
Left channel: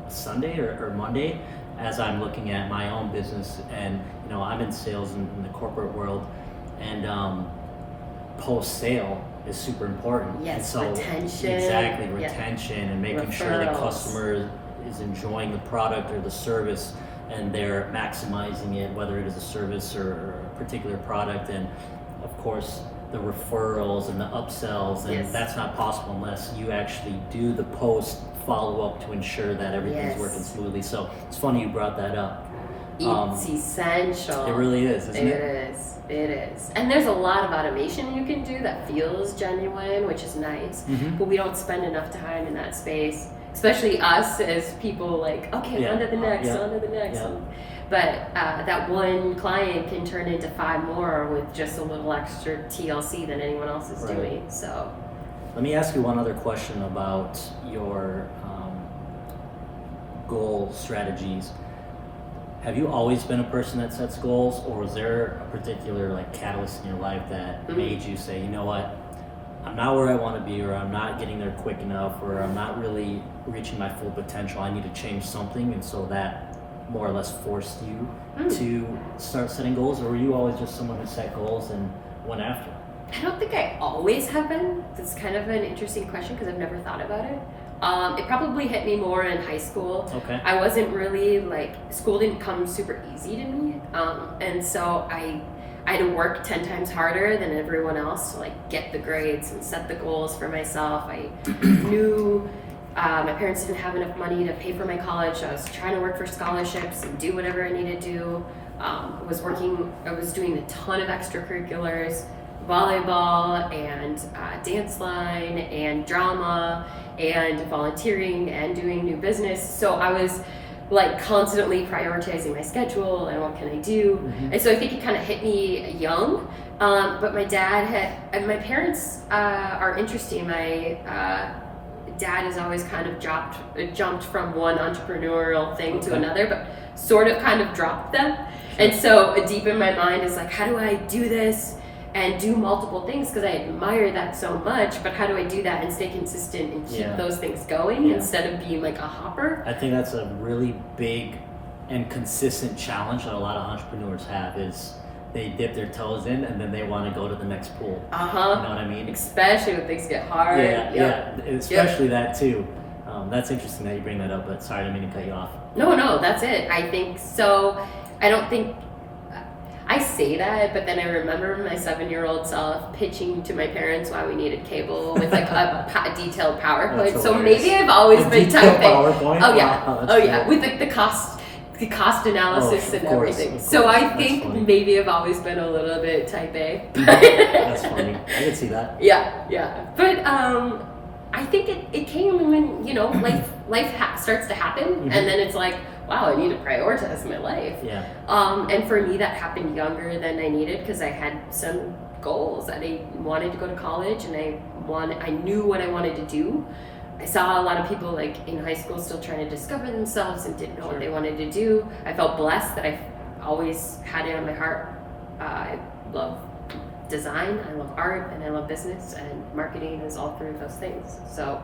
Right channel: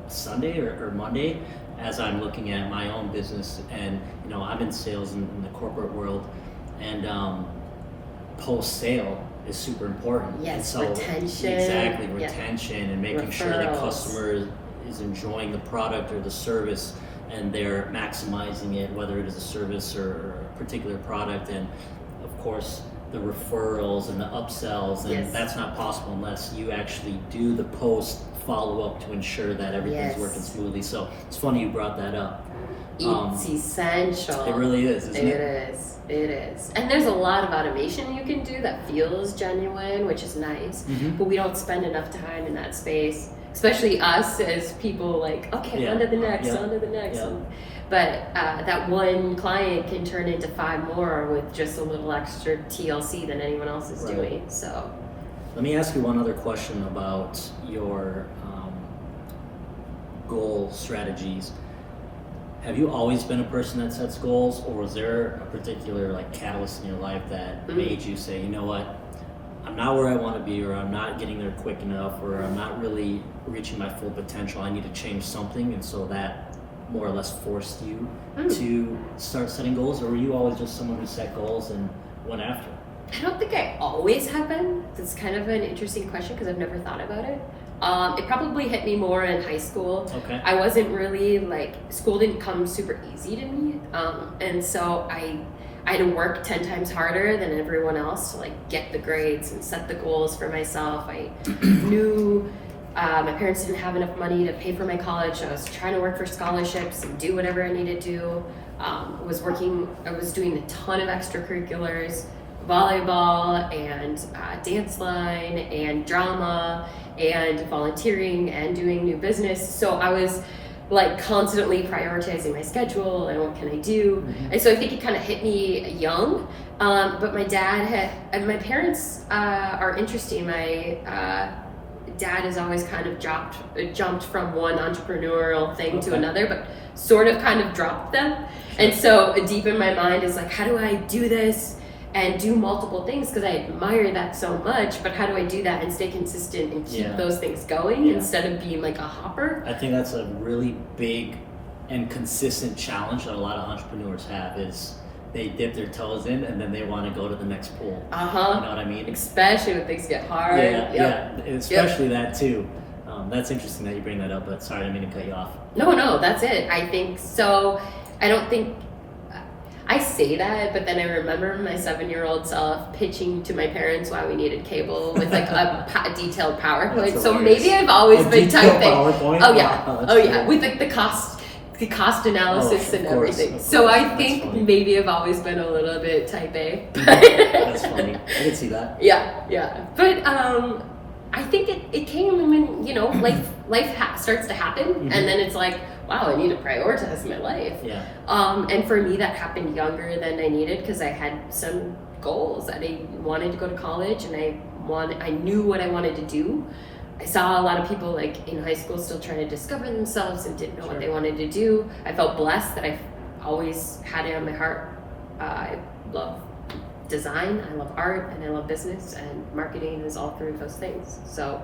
Sunday or Monday, as I'm looking at my own business. And you know, I'm in sales in the corporate world, and post sale is super important. Yes, so retention. Exactly, retention and making sure the customer is enjoying the product or the service and they're maximizing it, whether it is a service or a particular product, and of course the referrals and the upsells, and Yes. that's not possible unless you actually do the post follow-up to ensure that everything's Yes. working smoothly. So it's funny you brought that up. It's essential. It really is, isn't it? It is. And there's a lot of automation you can do that feels genuine, which is nice. Mhm. But we don't spend enough time in that space, especially us as people like, okay, Yeah. on to the next, Yeah. on to the next. Yeah. But that one client can turn into 5 more with just a little extra TLC than anyone else is Right. doing. So, Let me ask you one other question about your goal strategies. Have you always been a person that sets goals, or was there a particular like catalyst in your life that made you say, you know what, I'm not where I want to be, or I'm not getting there quick enough, or I'm not really reaching my full potential, I need to change something, and so that more or less forced you to start setting goals? Or were you always just someone who set goals and went after it? I don't think I always have been. That's kind of an interesting question because I've never thought about it. It probably hit me more in high school. Okay. I wasn't really school didn't come super easy to me. And so I had to work 10 times harder than everyone else to get the grades and set the goals for myself. I knew my parents didn't have enough money to pay for my college, so I was trying to work for scholarships and do whatever I needed to do. I was doing a ton of extracurriculars, volleyball and dance line and drama and volunteering and doing new business. So I was constantly prioritizing my schedule and what can I do. And so I think it kind of hit me young. But my parents are interesting. My dad has always kind of jumped from one entrepreneurial thing to another, but sort of kind of dropped them. And so deep in my mind is how do I do this and do multiple things, because I admire that so much, but how do I do that and stay consistent and keep those things going instead of being a hopper? I think that's a really big and consistent challenge that a lot of entrepreneurs have, is they dip their toes in and then they want to go to the next pool. You know what I mean? Especially when things get hard. Yeah, especially that too. That's interesting that you bring that up, but sorry, I didn't mean to cut you off. No, that's it. I think so. I don't think I say that, but then I remember my 7-year-old self pitching to my parents why we needed cable with a detailed PowerPoint. That's so hilarious. maybe I've always been typing. PowerPoint? Oh yeah, Wow, with the cost analysis and everything. So I think funny. maybe I've always been a little bit type A. That's funny. I can see that. Yeah. But I think it came when life starts to happen, and then it's wow, I need to prioritize my life. Yeah. And for me, that happened younger than I needed, because I had some goals that I wanted to go to college, and I knew what I wanted to do. I saw a lot of people in high school still trying to discover themselves and didn't know what they wanted to do. I felt blessed that I always had it on my heart. I love design, I love art, and I love business, and marketing is all three of those things. So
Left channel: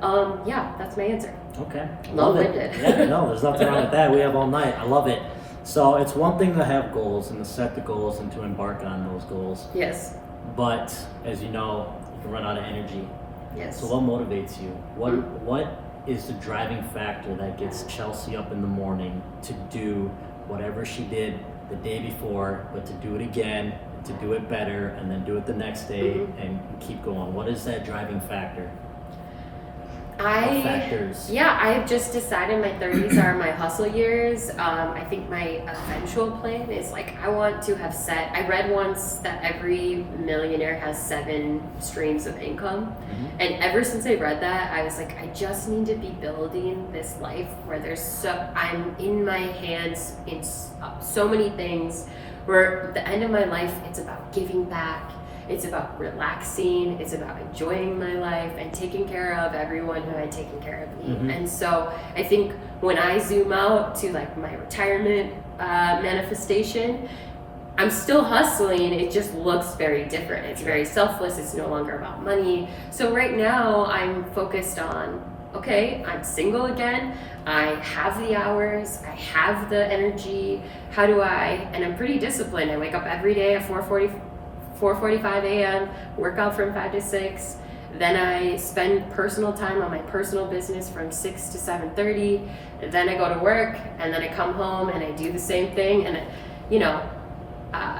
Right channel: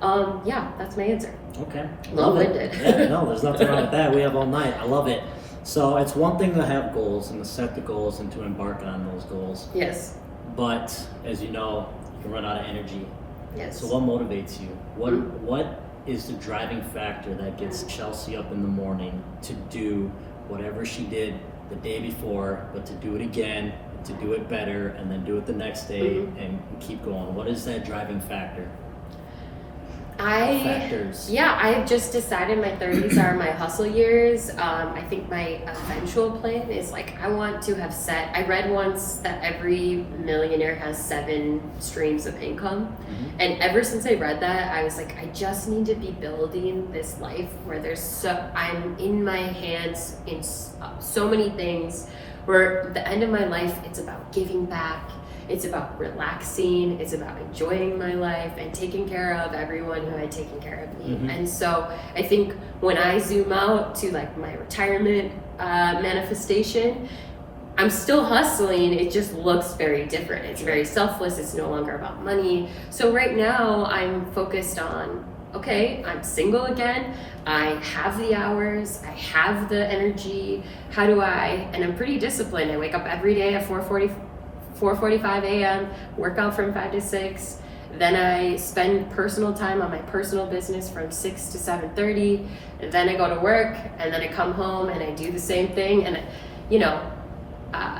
that's my answer. Okay. Long-winded. Yeah, no, there's nothing wrong with that. We have all night. I love it. So it's one thing to have goals and to set the goals and to embark on those goals. Yes. But as you know, you can run out of energy. Yes. So what motivates you? What is the driving factor that gets Chelsea up in the morning to do whatever she did the day before, but to do it again, to do it better, and then do it the next day and keep going? What is that driving factor? Factors. I've just decided my 30s are my hustle years. I think my eventual plan is I want to have I read once that every millionaire has 7 streams of income. And ever since I read that, I was I just need to be building this life where I'm in my hands in so many things, where at the end of my life, it's about giving back. It's about relaxing, it's about enjoying my life and taking care of everyone who had taken care of me. And so I think when I zoom out to my retirement manifestation, I'm still hustling, it just looks very different. It's very selfless, it's no longer about money. So right now I'm focused on, okay, I'm single again, I have the hours, I have the energy, and I'm pretty disciplined. I wake up every day at 4:45 a.m., work out from 5 to 6, Then I spend personal time on my personal business from 6 to 7:30. And then I go to work, and then I come home and I do the same thing. And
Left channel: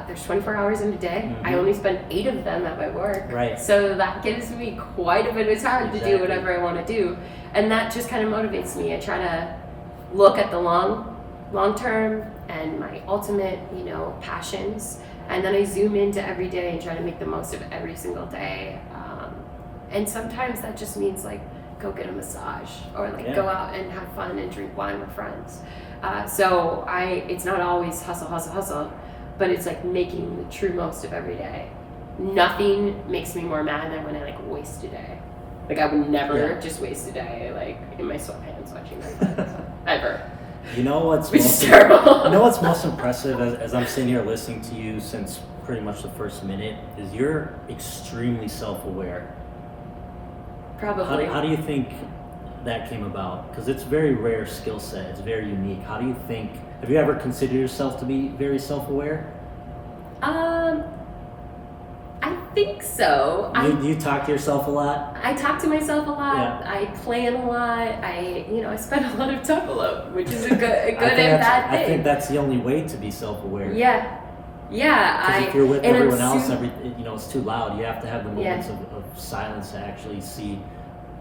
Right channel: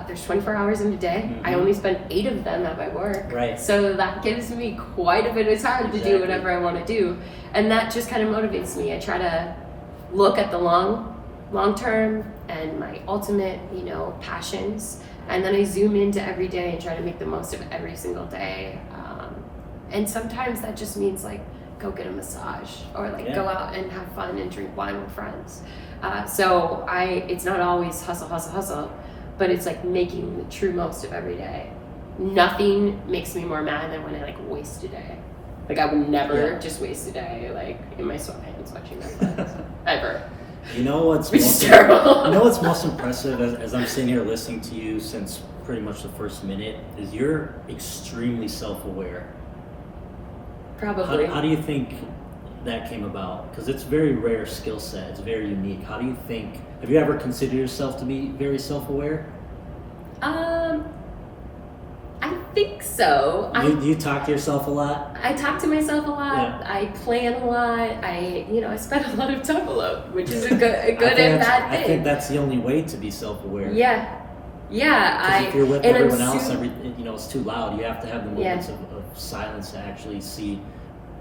there's 24 hours in a day. I only spend 8 of them at my work. Right. So that gives me quite a bit of time to do whatever I want to do. And that just kind of motivates me. I try to look at the long term and my ultimate, passions. And then I zoom into every day and try to make the most of every single day. And sometimes that just means like go get a massage or go out and have fun and drink wine with friends. So it's not always hustle, but it's like making the true most of every day. Nothing makes me more mad than when I waste a day. I would never just waste a day in my sweatpants watching Netflix ever. You know what's Which is terrible. You know what's most impressive as I'm sitting here listening to you since pretty much the first minute is you're extremely self-aware. Probably. How do you think that came about? Because it's a very rare skill set. It's very unique. How do you think? Have you ever considered yourself to be very self-aware? I think so. You talk to yourself a lot? I talk to myself a lot. Yeah. I plan a lot. I spend a lot of time alone, which is a good and bad thing. I think that's the only way to be self-aware. Yeah. Because if you're with everyone else, it's too loud. You have to have the moments of silence to actually see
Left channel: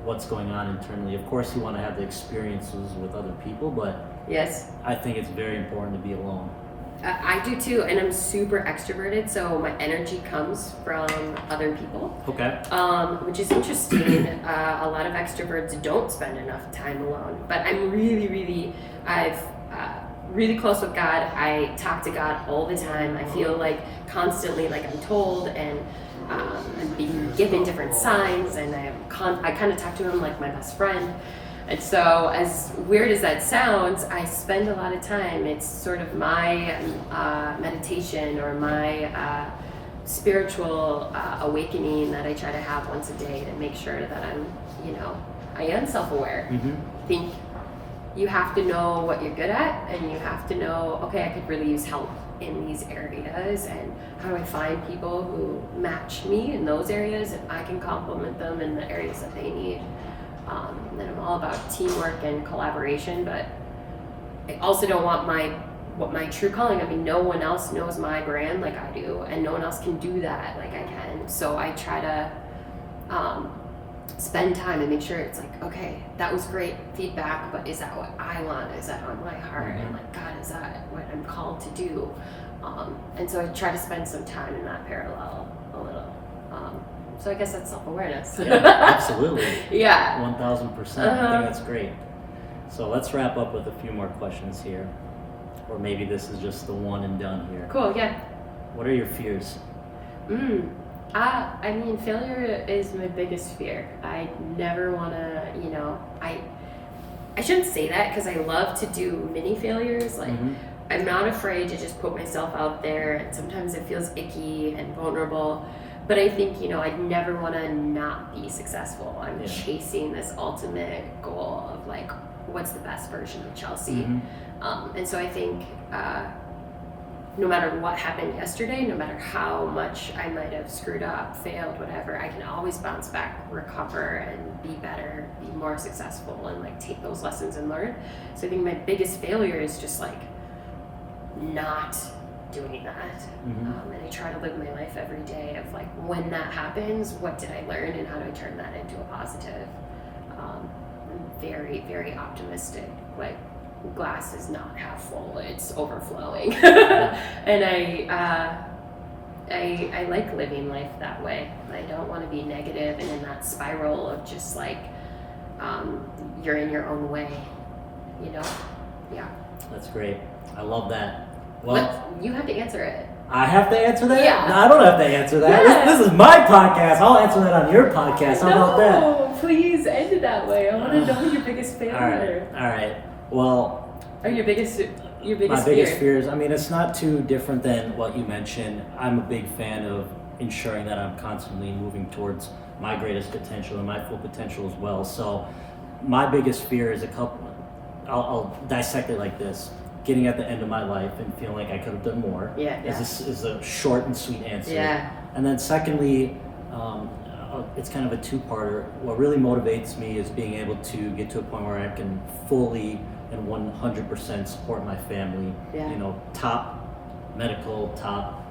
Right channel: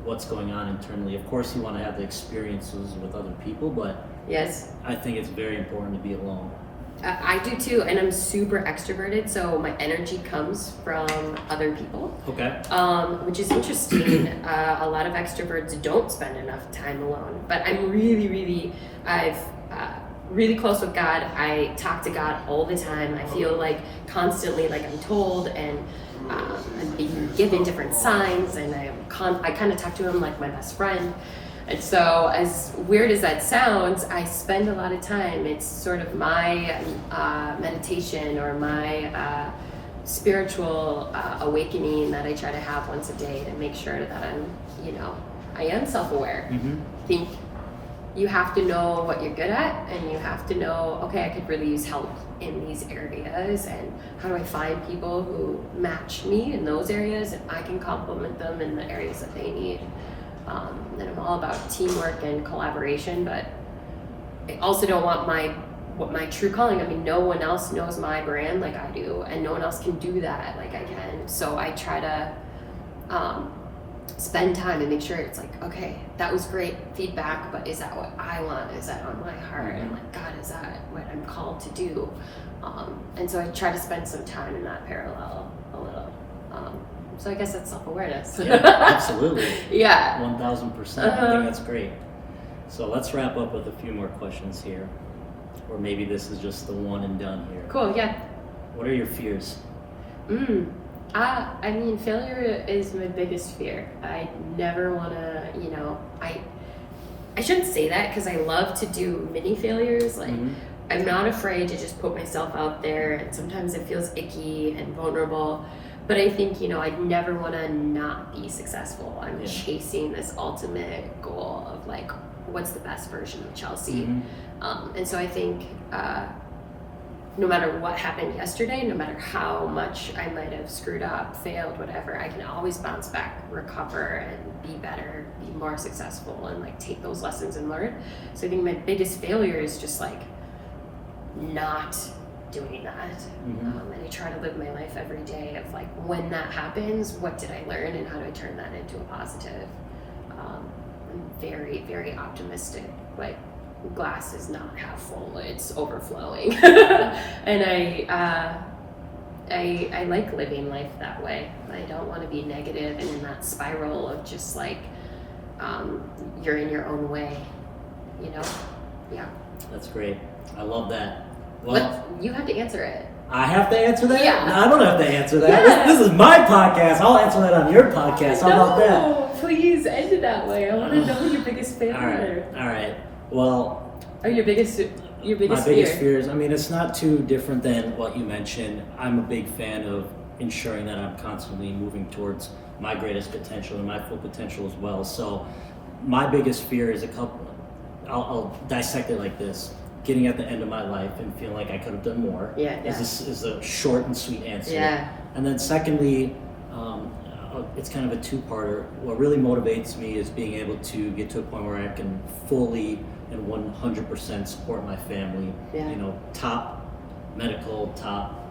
what's going on internally. Of course, you want to have the experiences with other people, but yes, I think it's very important to be alone. I do too, and I'm super extroverted, so my energy comes from other people. Okay. Which is interesting. A lot of extroverts don't spend enough time alone, but I'm really close with God. I talk to God all the time. I feel constantly I'm told, and I'm being given different signs, and I kind of talk to him like my best friend. And so, as weird as that sounds, I spend a lot of time. It's sort of my meditation or my spiritual awakening that I try to have once a day to make sure that I am self-aware. Mm-hmm. I think you have to know what you're good at, and you have to know, okay, I could really use help in these areas, and how do I find people who match me in those areas, and I can complement them in the areas that they need. And I'm all about teamwork and collaboration, but I also don't want my true calling. I mean, no one else knows my brand like I do, and no one else can do that like I can. So I try to spend time and make sure it's okay, that was great feedback, but is that what I want? Is that on my heart? And God, is that what I'm called to do? And so I try to spend some time in that parallel a little. So I guess that's self-awareness. Yeah, absolutely. Yeah. 1000%. I think that's great. So let's wrap up with a few more questions here. Or maybe this is just the one and done here. Cool, yeah. What are your fears? I mean, failure is my biggest fear. I never want to, I shouldn't say that because I love to do mini failures. I'm not afraid to just put myself out there, and sometimes it feels icky and vulnerable. But I think, I'd never want to not be successful. I'm chasing this ultimate goal of what's the best version of Chelsea. And so I think no matter what happened yesterday, no matter how much I might have screwed up, failed, whatever, I can always bounce back, recover, and be better, be more successful, and take those lessons and learn. So I think my biggest failure is just not doing that. And I try to live my life every day of when that happens, what did I learn and how do I turn that into a positive? I'm very, very optimistic. Glass is not half full, it's overflowing. And I like living life that way. I don't want to be negative and in that spiral of just you're in your own way, Yeah. That's great. I love that. Well, but you have to answer it. I have to answer that? Yeah. No, I don't have to answer that. Yeah. This is my podcast. I'll answer that on your podcast. How about that? No, please end it that way. I want to know your biggest failure. All right. Well, your biggest my biggest fears. I mean, it's not too different than what you mentioned. I'm a big fan of ensuring that I'm constantly moving towards my greatest potential and my full potential as well. So, my biggest fear is a couple. I'll dissect it like this. Getting at the end of my life and feeling like I could have done more. Yeah. Is a short and sweet answer. Yeah. And then secondly, it's kind of a two-parter. What really motivates me is being able to get to a point where I can fully and 100% support my family. Yeah. You know, top medical, top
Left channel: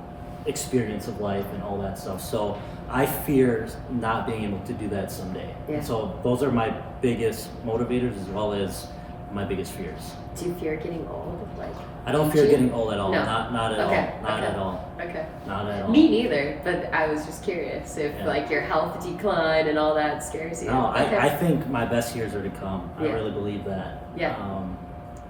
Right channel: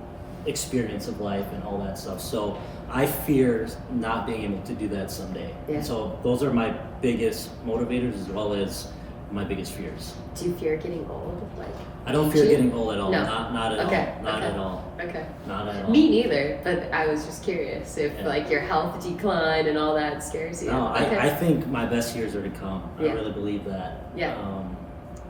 experience of life and all that stuff. So I fear not being able to do that someday. Yeah. So those are my biggest motivators as well as my biggest fears. Do you fear getting old? Like, I don't fear aging? getting old at all. No. Not at Okay, all. Not okay. at all. Okay. Not at all. Me neither, but I was just curious if Yeah. like your health decline and all that scares you. No, Okay. I think my best years are to come. I Yeah. really believe that. Yeah.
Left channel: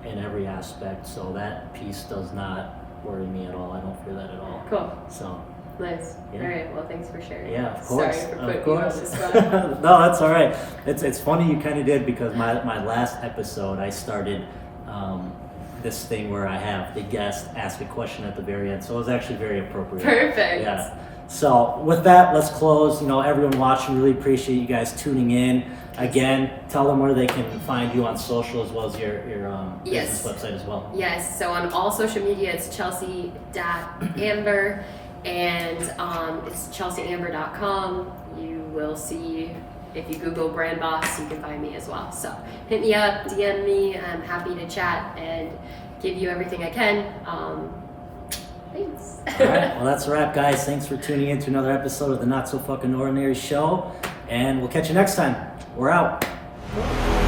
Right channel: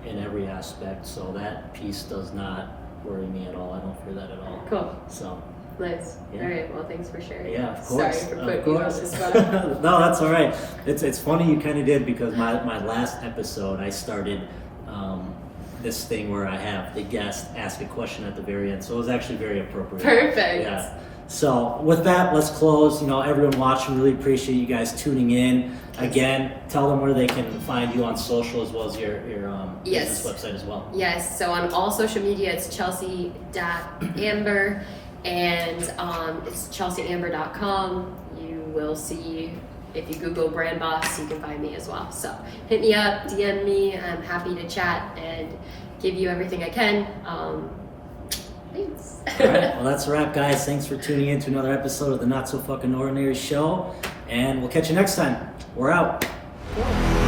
In every aspect. So that piece does not worry me at all. I don't fear that at all. Cool. So Nice. Yeah. All right. Well, thanks for sharing. yeah, of course. Sorry for of putting you on course. the spot. No, that's all right. It's funny you kind of did because my last episode I started this thing where I have the guest ask a question at the very end. So it was actually very appropriate. Perfect. Yeah. So with that, let's close. You know, everyone watching, really appreciate you guys tuning in. Again, tell them where they can find you on social as well as your Yes. business website as well. Yes. So on all social media, it's Chelssie.Amber, and it's chelseaamber.com. You will see. If you Google BrandBoss, you can find me as well. So hit me up, DM me. I'm happy to chat and give you everything I can. Thanks. All right. Well, that's a wrap, guys. Thanks for tuning in to another episode of the Not So Fucking Ordinary Show. And we'll catch you next time. We're out. Cool.